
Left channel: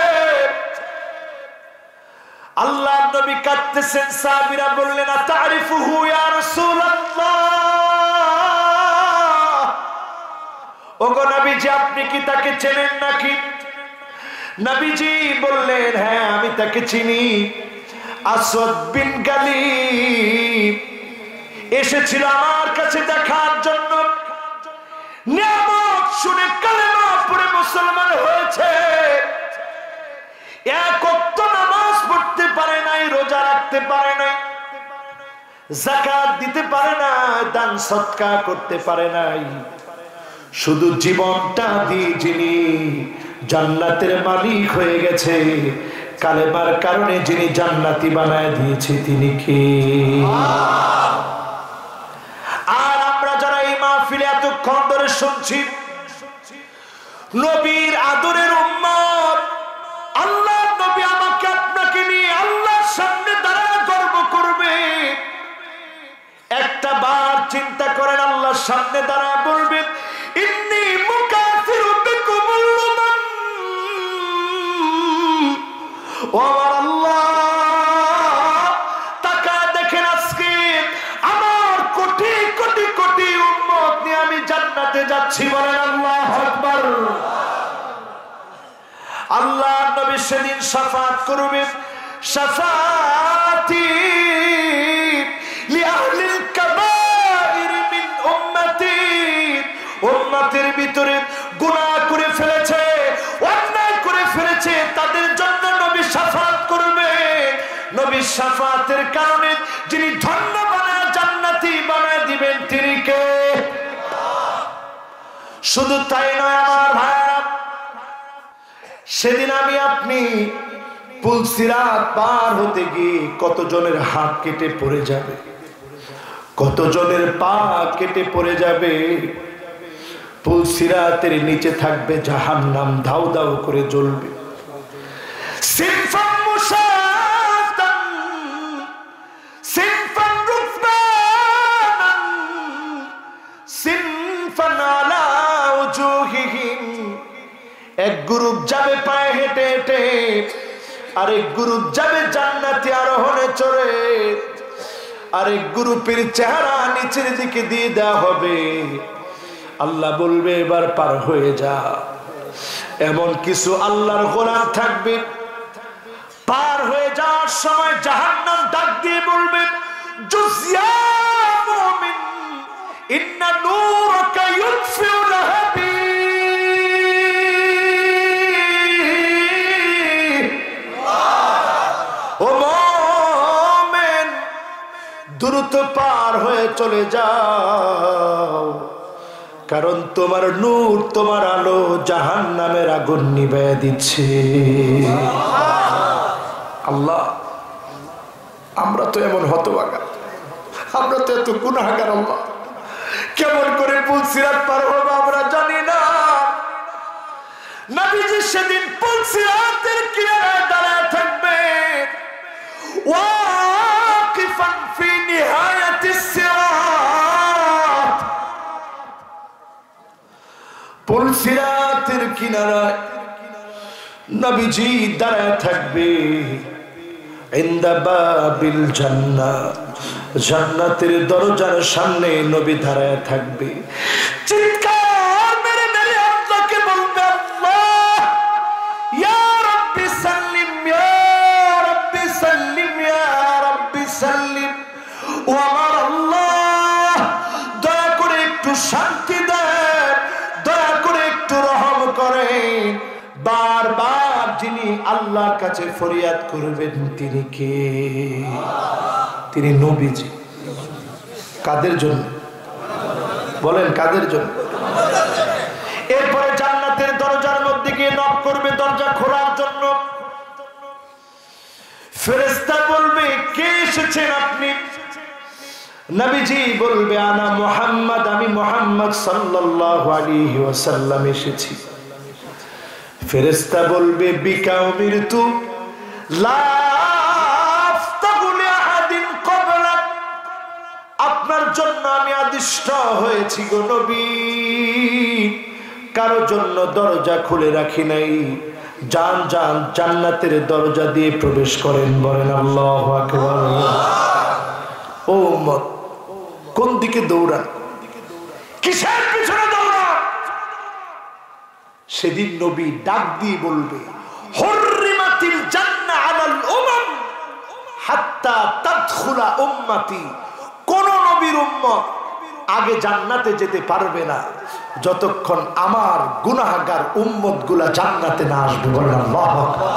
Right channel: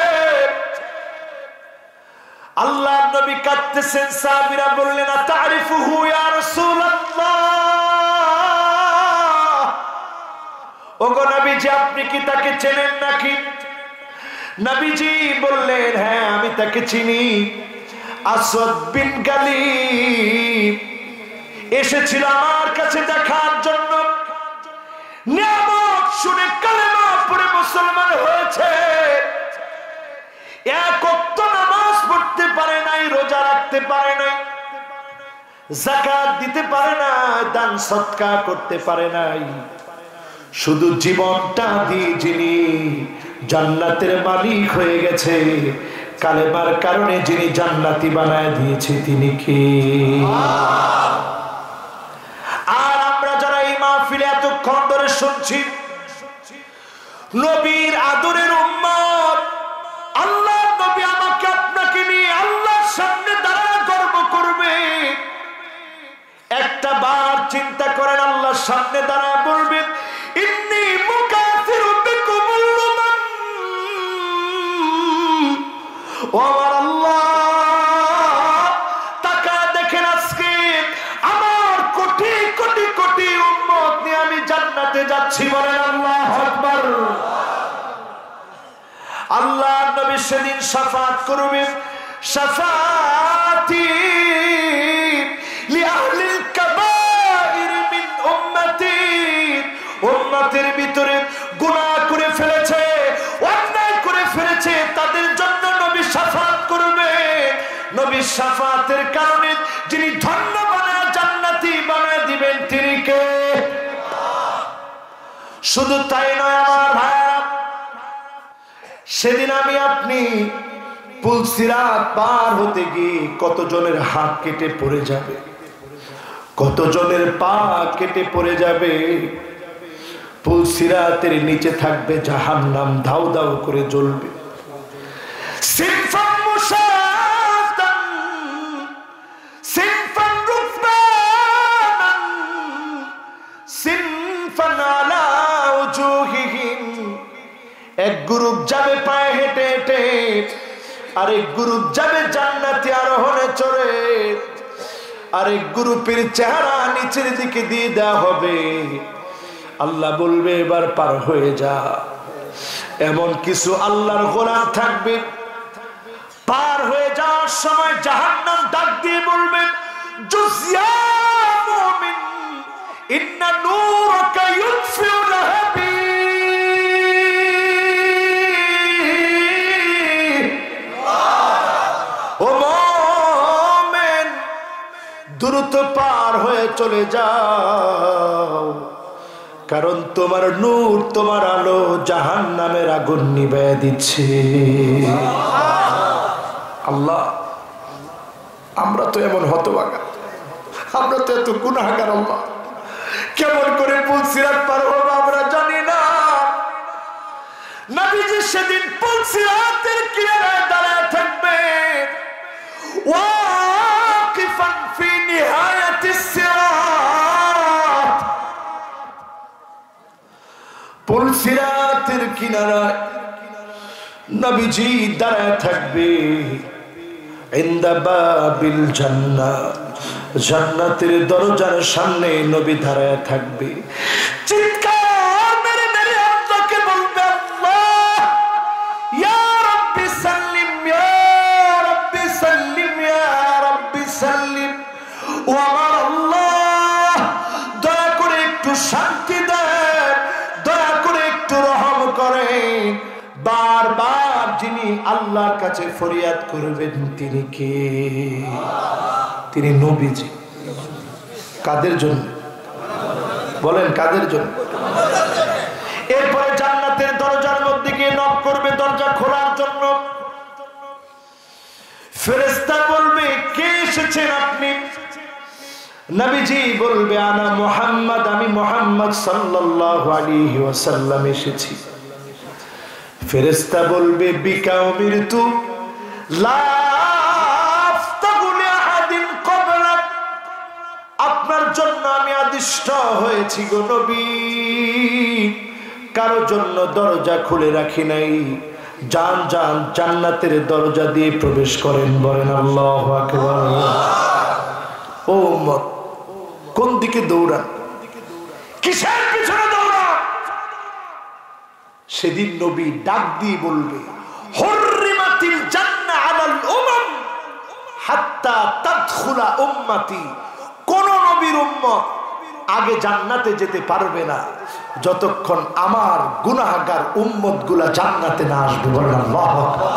আল্লাহ নবী কাঁদতেছেন। সাহাবীরা বললেন আতারিফুহু ইয়া রাসূলুল্লাহ, ওগো নবীজি আপনি কি তাকে চেনেন নাকি? নবীজি বললেন হ্যাঁ আমি তাকে চিনি। আসওয়াদ বিন গালিব এসেছিল আমার কাছে দেখার জন্য। নিয়ামত শুনে কালেমা পড়ে মুসলমান হয়েছে। এক ওয়াক্ত নামাজ পড়তে পারে নাই, রোজা রাখতে পারে নাই, যাকাত দিতে পারে না, দান সদকা করতে পারে নাই। শুধু জীবনটা দিয়ে যিনি জান্নাতের মালিক হয়ে গেছে, কালেমার কারণে যিনি জান্নাতি বানায় দিয়েছে তিনি কে? আর আমরা যারা এই মাহফিলে এতক্ষণ ধরে শুনছি, নবীর আদরের উম্মত, আল্লাহ নবী আমাকে আপনাকে নিয়ে আল্লাহর সামনে দাঁড়ায় গর্ব করবে। একটা বার চিন্তা করেন, আল্লাহর সামনে দাঁড়ায় বলবেন ইন্নী মুকাফিরু বিকুমুল উমাম। ও আমার আল্লাহ, তাকায় দেখেন আজকে আমার কোটি কোটি কোটি উম্মত নিয়ে আমি জান্নাতে যাচ্ছি। বলেন আল্লাহু আকবার। আল্লাহ নবী সেদিন শাফাত করবেন, শাফাতি লিআহলিল কাবাইর মিন উম্মতি। উম্মতের ভিতরে গুনাহ করে ফেলেছে, অন্যায় করে ফেলেছে, তাদের জন্য নবী শাফাত করবে। নবী শাফাতের কারণে যিনি ধন্য বানায় জান্নাতি বানায় দিবেন তিনি কে? শুধু তাই নয় আমার ভাইরা, সেদিন আমি আপনি পুলসিরাত পার হতে গিয়ে কতজনের হাত কেটে পড়ে যাবে, কতজনের পা কেটে পড়ে যাবে। পুলসিরাতের নিচে থাকবে জাহান্নাম, দাউ দাউ করে জ্বলবে। সিনফান মুশাতান সিনফান রুফানান সিনফান আলা উজুহিহিম। এক গ্রুপ যাবে পায়ে হেঁটে হেঁটে, আরেক গ্রুপ যাবে জান্নাতি আরোহণে চড়ে, আরেক গ্রুপের চেহারা নিচের দিকে দিয়ে দেওয়া হবে। আল্লাহ বলবে এবার পার হয়ে যা। এমন কিছু আল্লাহর গোলাম থাকবে, পার হয়ে যাওয়ার সময় জাহান্নাম ডাক দিয়ে বলবে জুজিয়া মুমিন ইন্না নূরাকা ইউতফিউ লাহাবি। ও মুমিন, দ্রুত পার হয়ে চলে যাও, কারণ তোমার নূর, তোমার আলো জাহান্নামের আগুন নিভিয়ে দিচ্ছে। আল্লাহ, আমরা তো এমন হতভাগা, আমরা তো এত গুনাহগার। আল্লাহ, কেমন করে পুলসিরাত পার হবো আমরা জানি না। নবীজি সেদিন পুলসিরাতের কিনারায় দাঁড়ায় থাকবে, ওয়াকিফান ফি নিহায়াতিস সিরাত। পুলসিরাতের কিনারায় নবীজি দাঁড়ায় থাকবে। ইনদা বাবিল জান্নাহ, জান্নাতের দরজার সামনে নবী দাঁড়ায় থাকবে, চিৎকার মেরে মেরে আল্লাহকে বলবে, আল্লাহ ইয়া রাব্বি সাল্লিম, ইয়া রাব্বি সাল্লিম, ইয়া রাব্বি সাল্লিম। ও আমার আল্লাহ, দয়া করে একটু শান্তি দেন, দয়া করে একটু রহম করেন। বারবার যিনি আল্লাহর কাছে ফরিয়াদ করবেন তিনি কে? তিনি নবীজি। কাদের জন্য বলেন, কাদের জন্য? এরপরে জান্নাতের দরজার মধ্যে গিয়ে নক করবে দরজা খোলার জন্য। ফেরেশতা বলবে, কে এসেছেন আপনি? নবীজি বলবে, আনা মুহাম্মদ, আমি মুহাম্মদ সাল্লাল্লাহু আলাইহি ওয়াসাল্লাম এসেছি। ফেরেশতা বলবে, বিকা উমিরতু লা আফতাহু লিআহাদিন ক্বাবলাক, আপনার জন্য আমি আদিষ্ট হয়েছি গো নবী, কারো জন্য দরজা খুলে রাখি নাই। যান যান, জান্নাতের দরজা দিয়ে প্রবেশ করেন। বলেন আল্লাহু আকবার। ও উম্মত, কোন দিকে দৌড়ান? কিসের পিছনে দৌড়ান? সেদিন নবী ডাক দিয়ে বলবে, হুররিমাতিল জান্নাহ আলাল উমাম হাত্তা তাদখুলা উম্মতি, কোন নবীর উম্মত আগে জান্নাতে যেতে পারবে না যতক্ষণ আমার গুনাহগার উম্মতগুলা জান্নাতে না আসবে। বলেন আল্লাহু আকবার।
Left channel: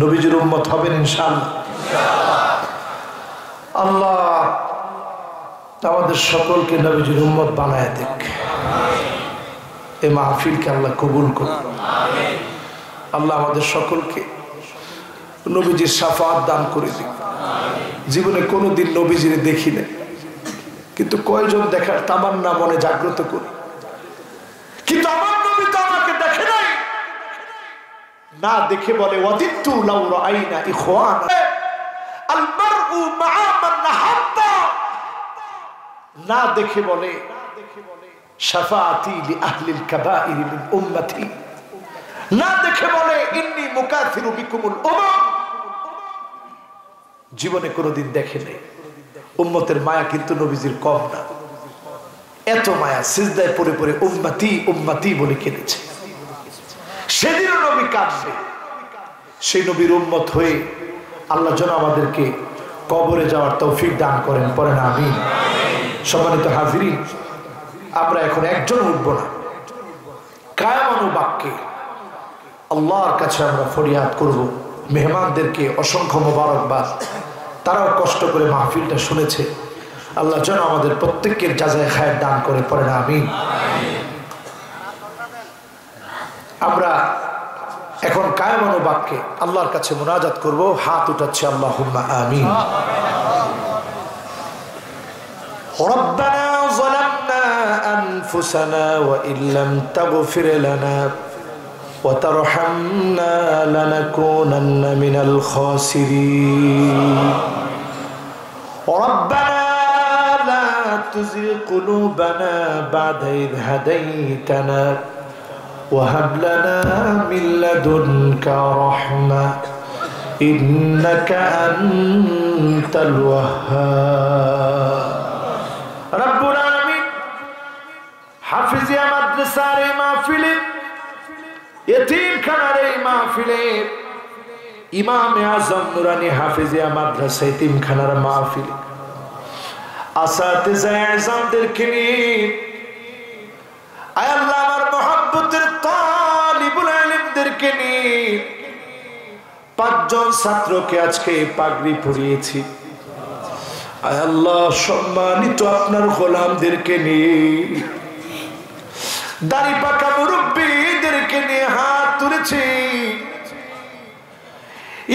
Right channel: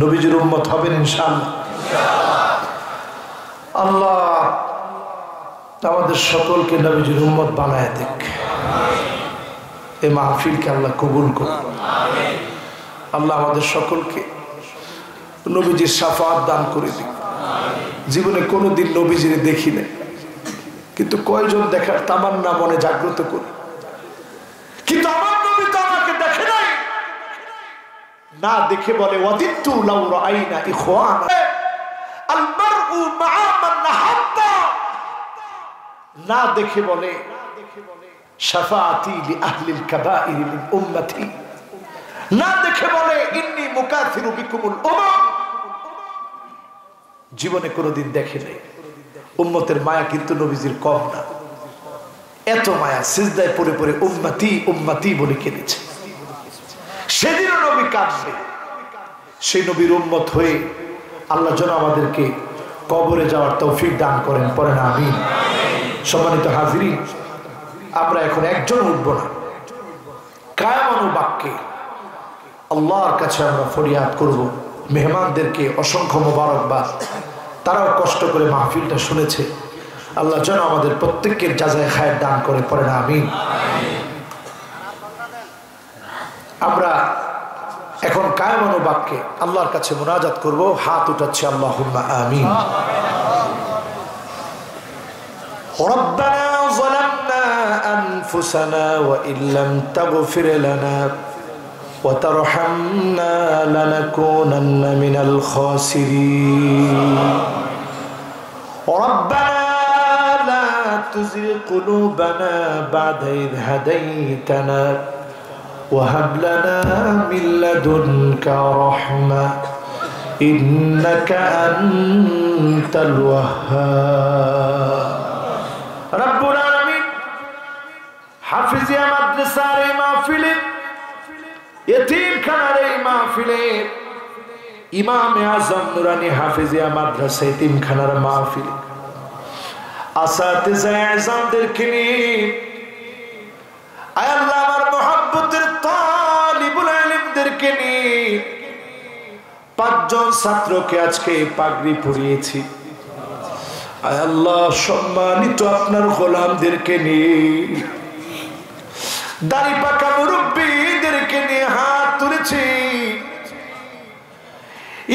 নবীজির উম্মত হবেন ইনশাআল্লাহ। আল্লাহ আমাদের সকলকে নবীজির উম্মত বানায় দেখ। এই মাহফিলকে আল্লাহ কবুল করুন। আল্লাহ আমাদের সকলকে নবীজির শাফাআত দান করে দিন। জীবনে কোনোদিন নবীজির দেখি নাই, কিন্তু কয়জন দেখার তামান্না মনে জাগ্রত করি, কিন্তু আমার নবী তো আমাকে দেখে নাই। না দেখে বলে, ওয়াদিতু লাউ রাআইনা ইখওয়ানা আল মারউ মা'a মান নাহাব্বা। না দেখে বলে, শাফাআতি লি আহলিল কাবাইর মিন উম্মতি। না দেখে বলে, ইন্নী মুকাথিরু বিকুমুল উমাম। জীবনে কোনোদিন দেখে নেই। উম্মতের মায়া কিন্তু নবীজির কম না, এত মায়া, সিজদায় পড়ে পড়ে উম্মতি উম্মতি বলে কেঁদেছে। সেদিনও নবী কাঁদবে। সেই নবীর উম্মত হয়ে আল্লাহ যেন আমাদেরকে কবরে যাওয়ার তৌফিক দান করেন। পড়েন আমিন। সম্মানিত হাজিরিন, আমরা এখন একজন উঠবো না, কায়ামানু বাক্যে আল্লাহর কাছে আমরা ফরিয়াদ করব। মেহমানদেরকে অসংখ্য মোবারকবাদ, তারাও কষ্ট করে মাহফিলটা শুনেছে। আল্লাহ যেন আমাদের প্রত্যেকের জাযায়ে খায়ের দান করে। পড়েন আমিন। আমরা এখন কায়ামানু বাক্যে আল্লাহর কাছে মুনাজাত করব। হাত উঠাচ্ছে, আল্লাহুম্মা আমিন। ربنا ظلمنا أنفسنا وإن لم تغفر لنا وترحمنا لنكونن من الخاسرين ربنا لا تزغ قلوبنا بعد إذ هديتنا وهب لنا من لدنك رحمة إنك أنت الوهاب রব্বুল আলামিন হাফিজিয়া মাদ্রাসার এই মাহফিলে, এতিমখানার এই মাহফিলে, ইমামে আজম নুরানি হাফিজিয়া মাদ্রাসা এতিমখানার মাহফিল, আসাতিজায়ে আযমদেরকে নিয়ে, আয় আল্লাহ আমার মুহাব্বতের তালিবুল ইলমদেরকে নিয়ে 5 জন ছাত্রকে আজকে পাগড়ি পরিয়েছি। আয় আল্লাহ সম্মানিত আপনার গোলামদেরকে নিয়ে, দাড়ি পাকা মুরব্বীদেরকে নিয়ে হাত তুলেছি,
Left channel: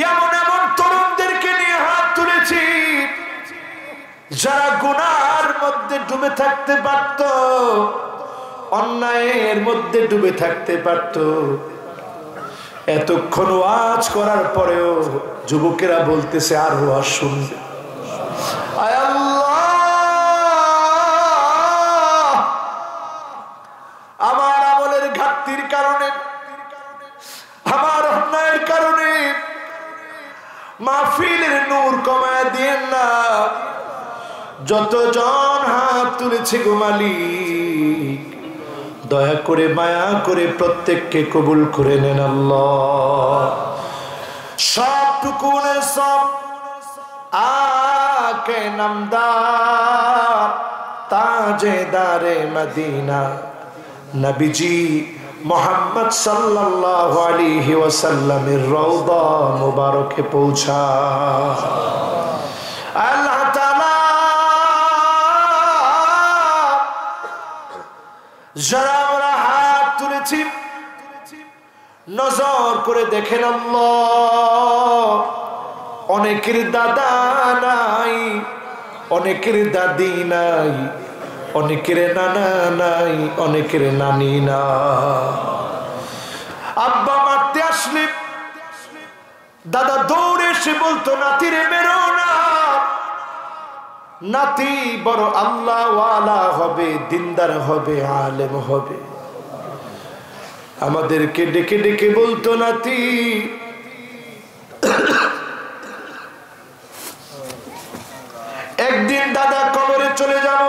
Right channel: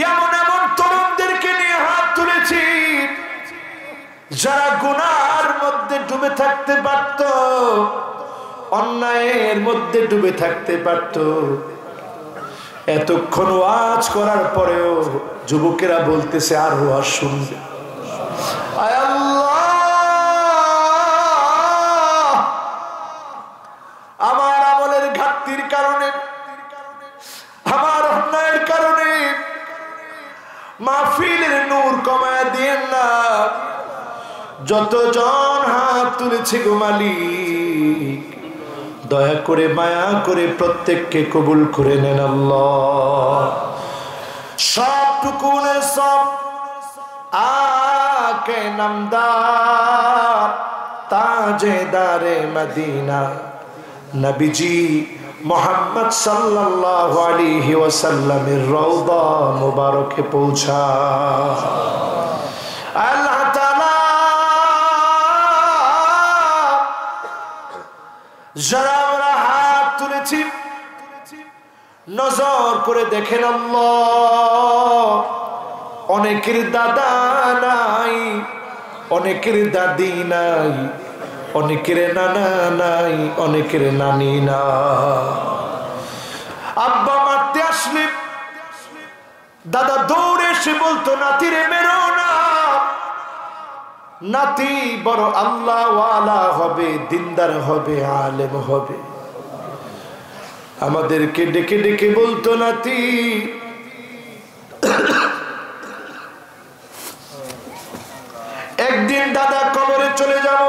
এমন এমন তরুণদেরকে নিয়ে হাত তুলেছি যারা গুনার মধ্যে ডুবে থাকতে পারত, অন্যায়ের মধ্যে ডুবে থাকতে পারত। এতক্ষণ ওয়াজ করার পরেও যুবকেরা বলতেছে আর ওয়াজ শুনবে। আয় আল্লাহ, আমার আমলের ঘাটতির কারণে, আমার অন্যায়ের কারণে মাহফিলের নূর কমায় দিয়েন না। যতজন হাত তুলেছে গো মালিক, দয়া করে মায়া করে প্রত্যেককে কবুল করে নেন আল্লাহ। সবটুকুনের সব আকে নামদার তাজেদারে মদিনা নবীজি মোহাম্মদ সাল্লাল্লাহু আলাইহি ওয়াসাল্লামের রওজা মুবারকে পৌঁছা। আল্লাহ তাআলা যারা আমরা হাত তুলেছি নজর করে দেখেন আল্লাহ, অনেকের দাদা নাই, অনেকের দাদি নাই, অনেকের নানা নাই, অনেকের নানি না। আব্বা মারতে আসলে দাদা দৌড়ে এসে বলতো নাতিরে মেরো না, নাতি বড় আল্লাহ ওয়ালা হবে, দিনদার হবে, আলেম হবে। আমাদেরকে ডেকে ডেকে বলতো নাতি একদিন দাদা কবরে চলে যাব,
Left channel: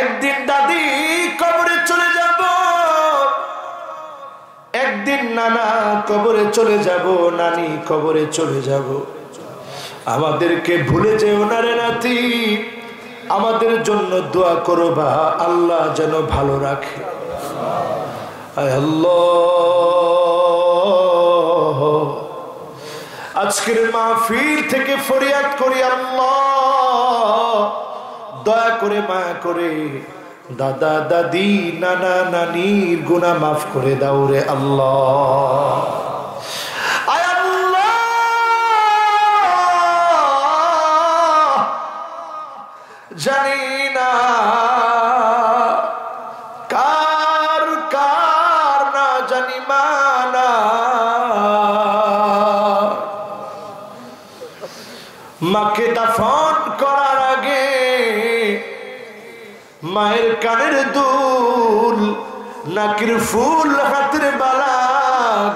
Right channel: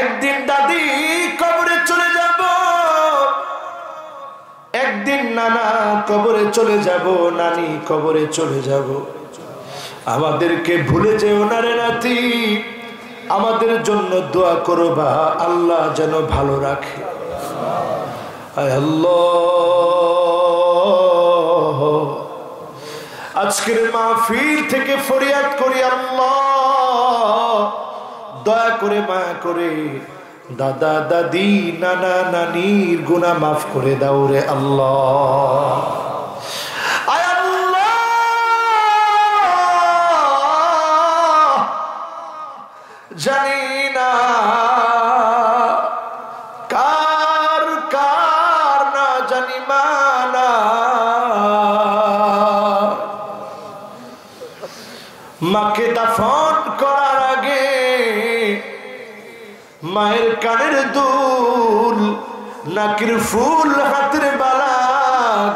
একদিন দাদি কবরে চলে যাব, একদিন নানা কবরে চলে যাব, নানি কবরে চলে যাব। আমাদেরকে ভুলে যেও না রে নাতি, আমাদের জন্য দোয়া করো বা আল্লাহ যেন ভালো রাখে। আয় আল্লাহ, আজকের মাহফিল থেকে ফরিয়াদ করি আল্লাহ, দয়া করে মায়া করে দাদা দাদি নানা নানির গুনাহ মাফ করে দাও রে আল্লাহ। আয় আল্লাহ, জানি না কার কার না জানি মানা, মাকে দাফন করার আগে মায়ের কানের দুল, নাকের ফুল, হাতের বালা,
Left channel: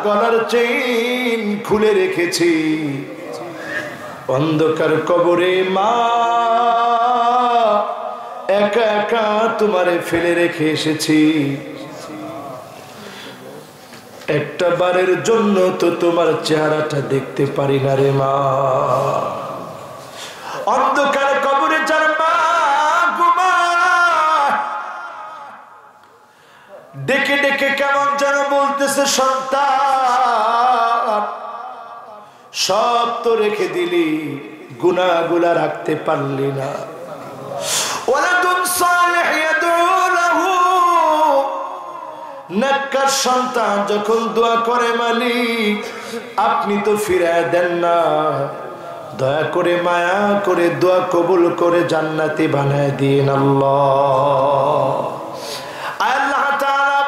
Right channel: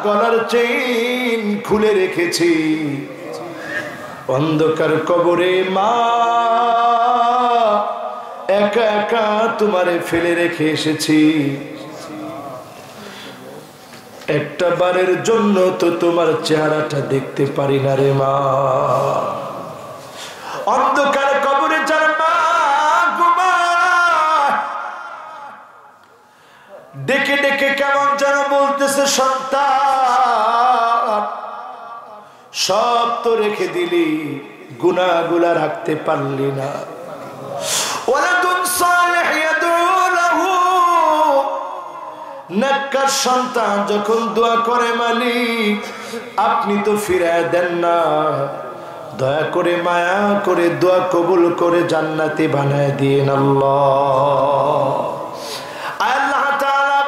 গলার চেইন খুলে রেখেছি। অন্ধকার কবরে মা একা একা তোমারে ফেলে রেখে এসেছি। একটা বারের জন্য তো তোমার চেহারাটা দেখতে পারি না রে মা। অন্ধকার কবরে যার মা ঘুমায়, ডেকে ডেকে কেমন যেন বলতেছে সন্তান সব তো রেখে দিলি, গুনাহগুলা রাখতে পারলি না। ওয়ালাদুন সালিহ ইয়াদউ লাহু, নেককার সন্তান যখন দোয়া করে মালিক আপনি তো ফিরায় দেন না, দয়া করে মায়া করে দোয়া কবুল করে জান্নাতি বানায় দিন আল্লাহ। আল্লাহ তাআলা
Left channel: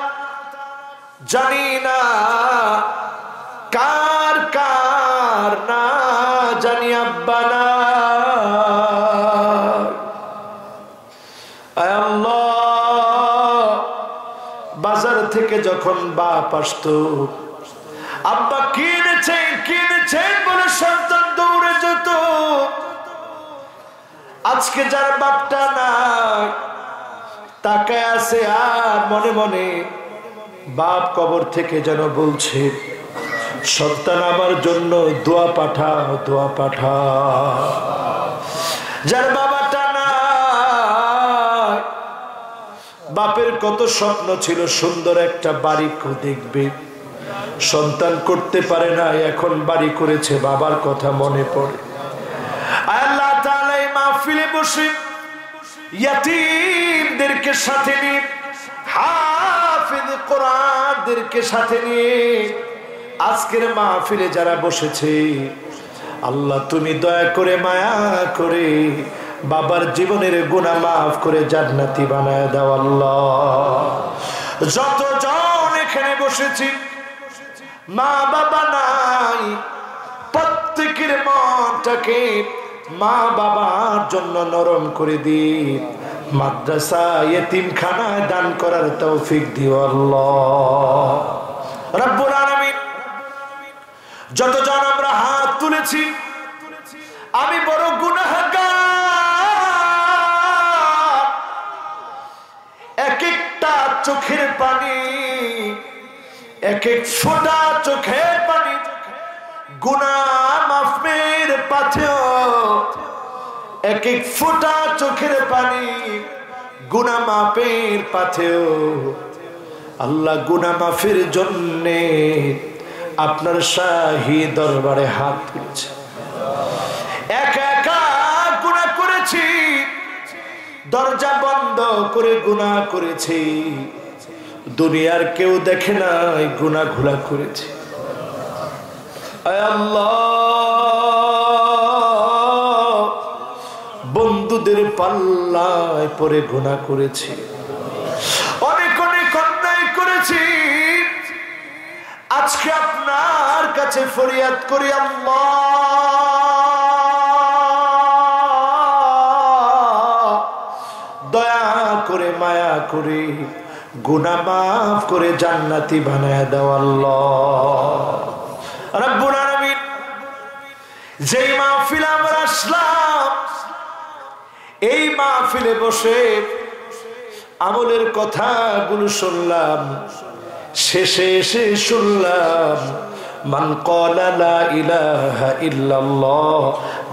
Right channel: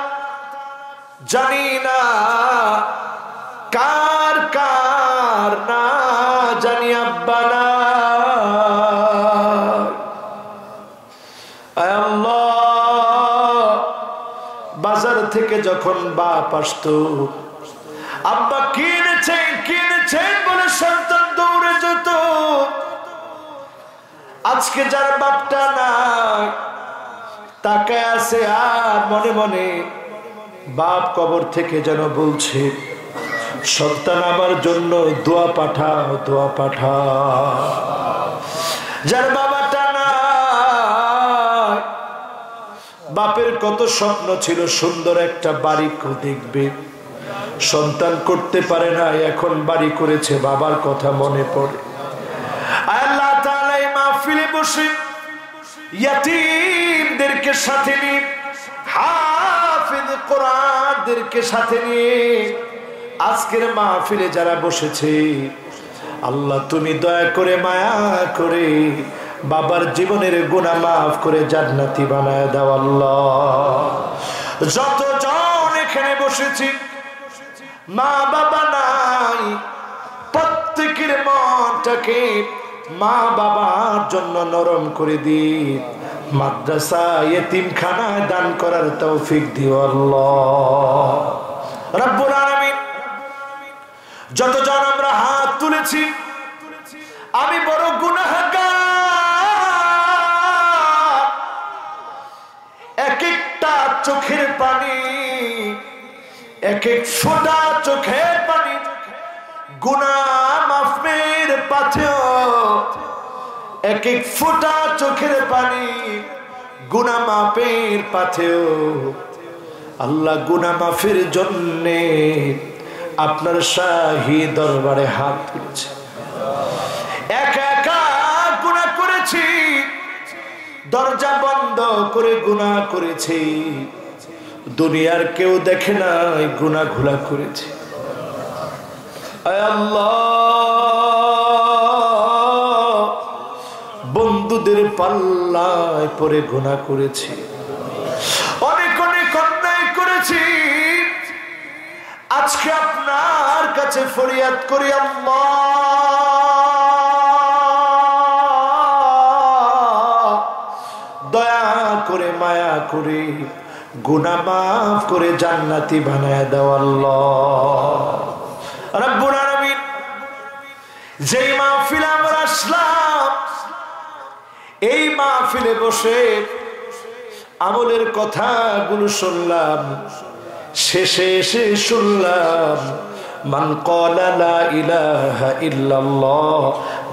জানি না কার কার না জানি আব্বা না। আল্লাহ, বাজার থেকে যখন বাপ আসতো, আব্বা কিনেছেন কিনেছেন বলে সন্তান দৌড়ে যেত। আজকে যার বাপটা নাই তাকায় আছে আর মনে মনে বাপ কবর থেকে যেন বলছে সন্তান আমার জন্য দোয়া পাঠাও, দোয়া পাঠাও। যার বাবাটা নাই, বাপের কত স্বপ্ন ছিল সুন্দর একটা বাড়ি দেখবে, সন্তান করতে পারে না, এখন বাড়ি করেছে, বাবার কথা মনে পড়ে। আল্লাহ তাআলা এই মাহফিলে বসে ইয়াতীমদেরকে সাথে নিয়ে, হাফিজ কোরআনদেরকে সাথে নিয়ে আজকের মাহফিলে যারা বসেছে, আল্লাহ তুমি দয়া করে মায়া করে বাবার জীবনের গুনাহ মাফ করে জান্নাতি বানায় দাও আল্লাহ। যতজন এখানে বসেছি মা বাবা নাই, প্রত্যেকের মনটাকে মা বাবার জন্য নরম করে দিন, মাদ্রাসা ইতিমখানায় দান করার তৌফিক দিও আল্লাহ রাব্বুল আলামিন। যতজন আমরা হাত তুলেছি, আমি বড় গুনাহগার। এক একটা চোখের পানি, এক এক ফোঁটা চোখের পানি গুনাহ মাফের পাথেয়, এক এক ফোঁটা চোখের পানি গুনাহ মাফের পাথেয়। আল্লাহ গুনাহ মাফের জন্যে আপনার শাহী দরবারে হাত তুলেছে। একা একা গুনাহ করেছি, দরজা বন্ধ করে গুনাহ করেছি, দুনিয়ার কেউ দেখে নাই গুনাহ গুলা করেছি। আয় আল্লাহ, বন্ধুদের পাল্লায় পরে গুনাহ করেছি, অনেক অনেক অন্যায় করেছি। আজকে আপনার কাছে ফরিয়াদ করি, আল্লাহ দয়া করে মায়া করে গুনাহ মাফ করে জান্নাতি বানায় দাও আল্লাহ রাব্বুল আলামিন। যেই মাহফিলে আমরা আসলাম, এই মাহফিলে বসে আমলের কথাগুলো শুনলাম, শেষে এসে শুনলাম মান ক্বালা লা ইলাহা ইল্লাল্লাহ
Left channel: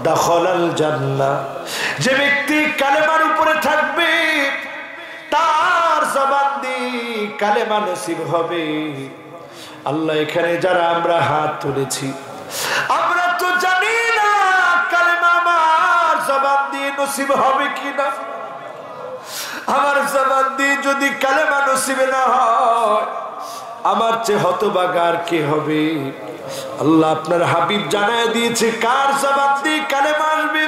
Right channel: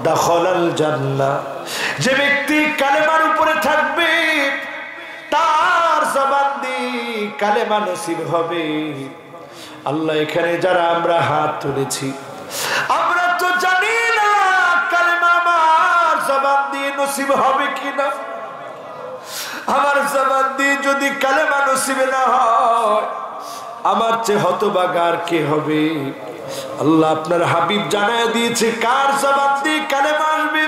দাখালাল জান্নাহ। যে ব্যক্তি কালেমার উপরে থাকবে তার জবান দিয়ে কালেমা নসিব হবে। আল্লাহ, এখানে যারা আমরা হাত তুলেছি, আমরা তো জানি না কালেমা আমার জবান দিয়ে নসিব হবে কিনা। আমার জবান দিয়ে যদি কালেমা নসিবে না হয়, আমার চেয়ে হতভাগার কে হবে। আল্লাহ, আপনার হাবিব জানায় দিয়েছে কার জবান দিয়ে কালেমা আসবে।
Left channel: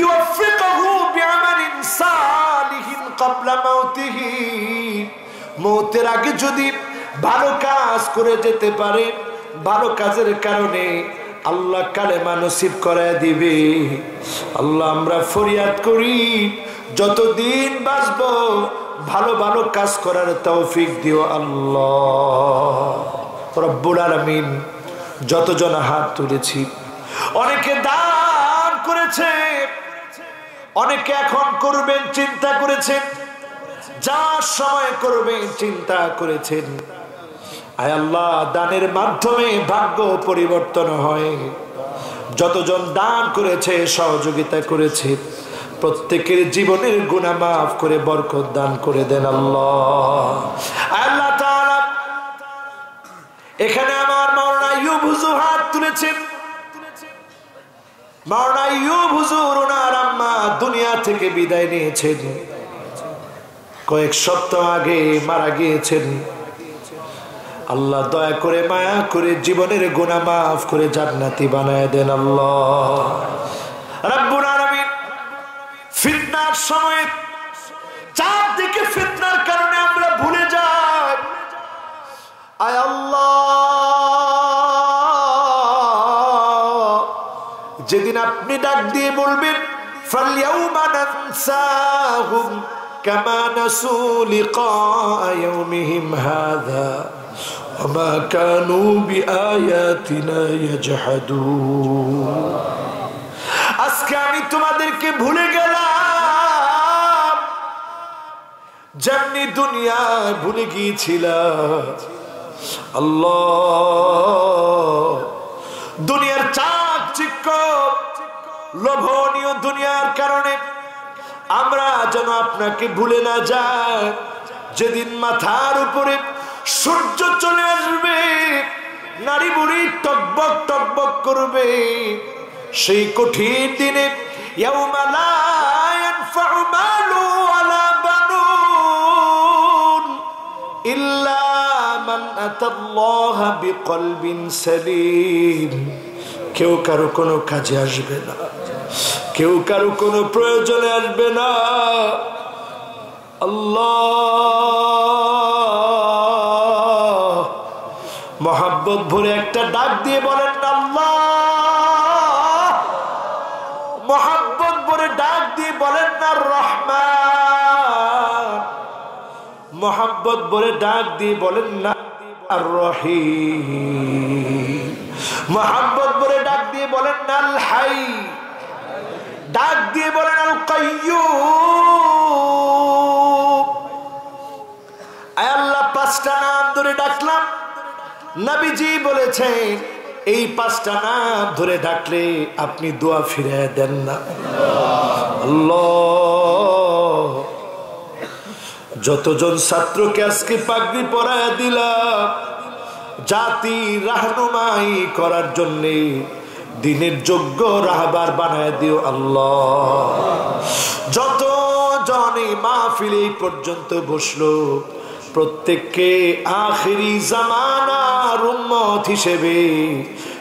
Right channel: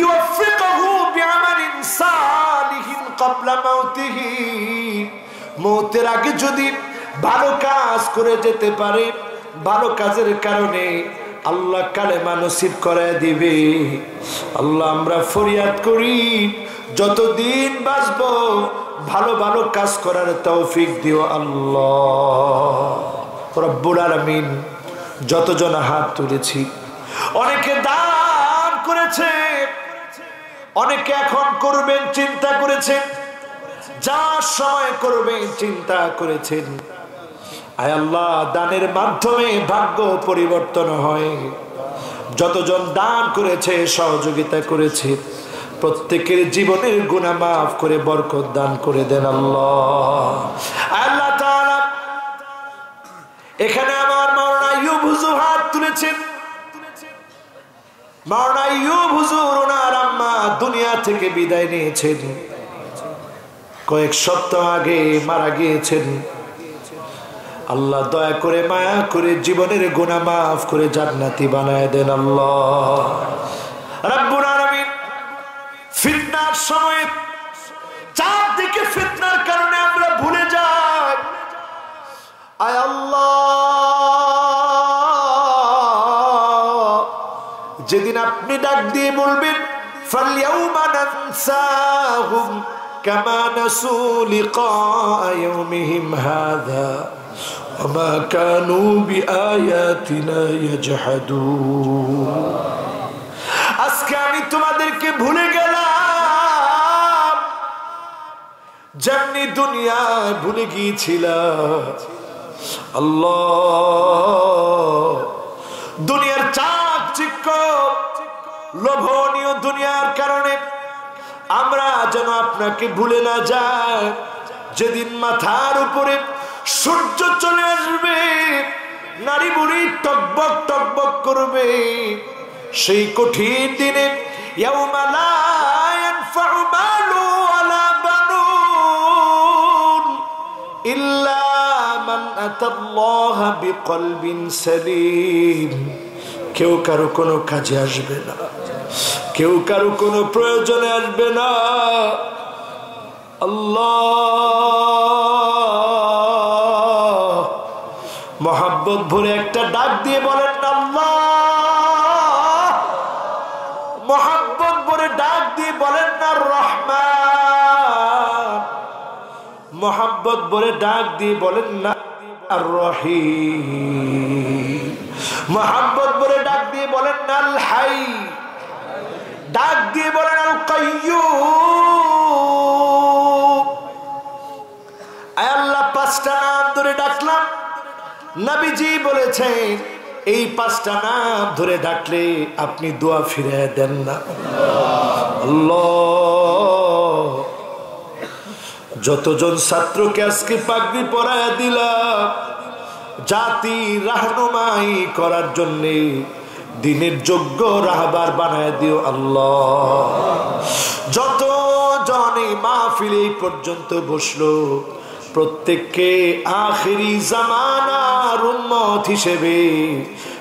ইউফিকুহু বিআমালিন সালিহিন ক্বাবলা মাউতিহি। মওতের আগে যদি ভালো কাজ করে যেতে পারে, ভালো কাজের কারণে আল্লাহ কালেমা নসিব করায় দিবে। আল্লাহ, আমরা ফরিয়াদ করি যতদিন বাঁচবো ভালো ভালো কাজ করার তৌফিক দিও আল্লাহ রব্বুল আলামিন। যতজন হাত তুলেছি, অনেকে দান করেছে, অনেকে এখন করবেন চিন্তা করেছেন, যা সময় করবেন চিন্তা করেছেন। আয় আল্লাহ, দানের মাধ্যমে ভাগ্য পরিবর্তন হয়। যতজন দান করেছে, সহযোগিতা করেছে, প্রত্যেকের জীবনের গুনাহ মাফ করে বরকত দান করে দেন আল্লাহ। আল্লাহ তাআলা, এখানে আমার মাওলানা আইয়ুব হুজুর হাত তুলেছেন। মাওলানা আইয়ুব হুজুর ওনার আম্মা দুনিয়া থেকে বিদায় নিয়েছেন, কয়েক সপ্তাহ আগে মারা গিয়েছেন। আল্লাহ, দয়া করে মায়া করে জীবনের গুনাহ মাফ করে জান্নাতি বানায় দেন আল্লাহ রাব্বুল আলামিন। ফিতনার সময় চারদিকে ফিতনার কারণে আমরা ভুলে যাই। আয় আল্লাহ, যেদিন আপনি ডাক দিয়ে বলবেন ফালইয়াউমা নানসাহুম কামা নাসু লিকা ইয়াউমিহিম হাযা ওয়া মা কানু বিআয়াতিনা ইয়াজহাদুন। আজকে আমি তোমাদেরকে ভুলে গেলাম, যেমনি দুনিয়ায় ভুলে গিয়েছিলাম। আল্লাহ, দুনিয়ার চাকচিক্য, লোভনীয় দুনিয়ার কারণে আমরা যেন আপনাকে ভুলে না যাই। যেদিন মাথার উপরে সূর্য চলে আসবে, নারী বুড়ি টকবক টকবক করবে, সেই কঠিন দিনে ইয়াউমা লা ইয়ানফাউ মালু ওয়ালা বানুন ইল্লা মান আতাল্লাহা বিকলবিন সালিম। কেউ কারো কোনো কাজে আসবে না, কেউ কারো কোনো প্রয়োজনে আসবে না। আল্লাহ, মহাব্বত ভরে একটা ডাক দিয়ে বলেন না আল্লাহ, মহাব্বত ভরে ডাক দিয়ে বলেন না রহমান, মহাব্বত ভরে ডাক দিয়ে বলেন না আর রহিম। মোহাম্মদ বলে ডাক দিয়ে বলেন আল হাই, ডাক দিয়ে বলেন আল কাইয়্যুম। আয় আল্লাহ, পাঁচটা নাম ধরে ডাকলাম। নবীজি বলেছেন এই পাঁচটা নাম ধরে ডাকলে আপনি দোয়া ফিরিয়ে দেন না। আল্লাহ, যতজন ছাত্রকে আজকে পাগড়ি পরায়া দিলাম জাতি রাহনুমাই করার জন্য, দিনের যোগ্য রাহবার বানায় দিও আল্লাহ। যত জনে মাহফিল এই পর্যন্ত বসলো প্রত্যেককে আখিরি জামানার উম্মত হিসেবে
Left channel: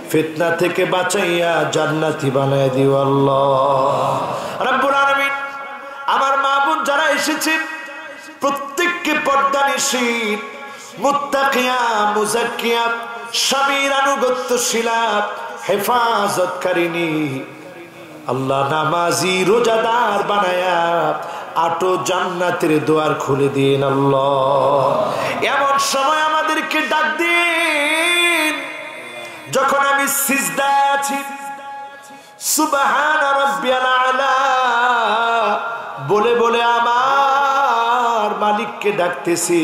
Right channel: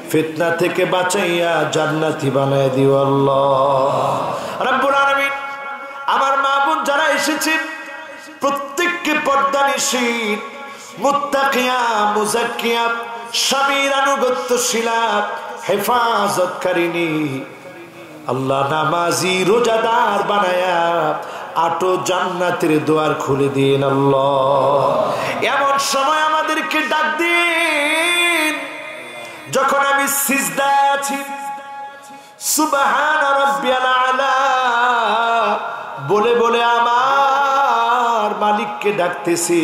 ফিতনা থেকে বাঁচাইয়া জান্নাতি বানায় দিও আল্লাহ রাব্বুল আলামিন। আমার মা বোন যারা এসেছেন প্রত্যেককে পর্দানিশীল, মুত্তাকিয়া, মুজাক্কিয়া, স্বামীর আনুগত্যশীলা, হেফাজতকারিনী আল্লাহ নামাজি রোজাদার বানায়া আটো জান্নাতের দুয়ার খুলে দিন আল্লাহ। এমন সময় আমাদেরকে ডাক দিন যখন আমি সিজদায় আছি, সুবহান রাব্বিয়াল আলা বলে বলে আমার মালিককে ডাকতেছি,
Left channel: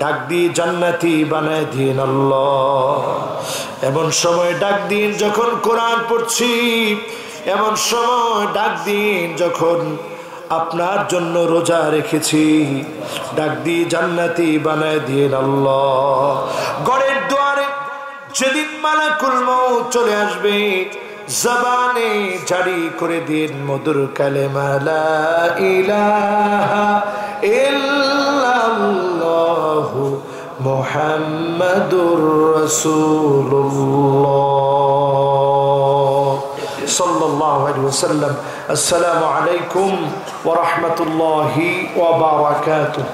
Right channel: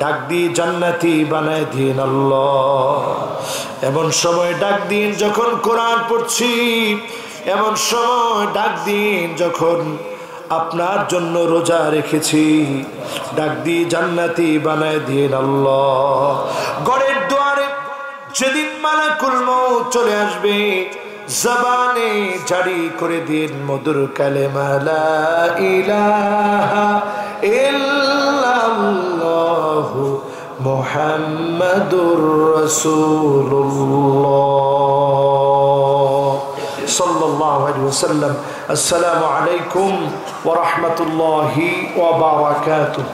ডাক দিয়ে জান্নাতি বানায় দিন আল্লাহ। এমন সময় ডাক দিন যখন কোরআন পড়ছি, এমন সময় ডাক দিন যখন আপনার জন্য রোজা রেখেছি, ডাক দিয়ে জান্নাতি বানায় দিন আল্লাহ। ঘরের দুয়ারে যেদিন মালাকুল মউত চলে আসবে জবানে জারি করে দিন মধুর কালেমা লা ইলাহা ইল্লাল্লাহু মুহাম্মাদুর রাসূলুল্লাহ সাল্লাল্লাহু আলাইহি ওয়াসাল্লাম। আসসালামু আলাইকুম ওয়া রাহমাতুল্লাহি ওয়া বারাকাতুহু।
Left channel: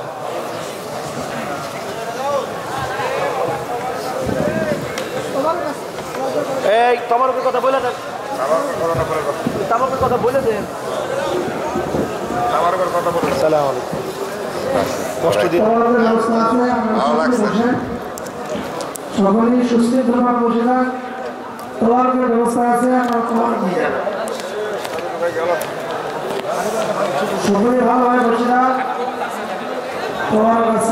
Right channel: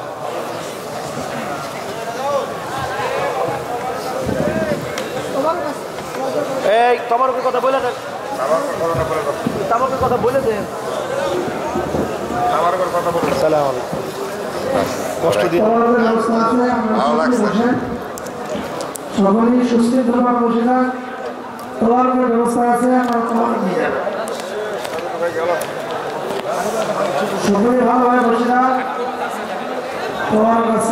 এই তোমার কথা বলে দেন, আমার কথা বলে দেন, আমার কথা বলে। আসসালামু আলাইকুম। কষ্ট দিন, ভালো লাগছে। সকলেই সুস্থভাবে বসে থাক, তোমার ব্যবস্থা আছে, সকলেই ভালোভাবে বসে থাক তোমার কাছে।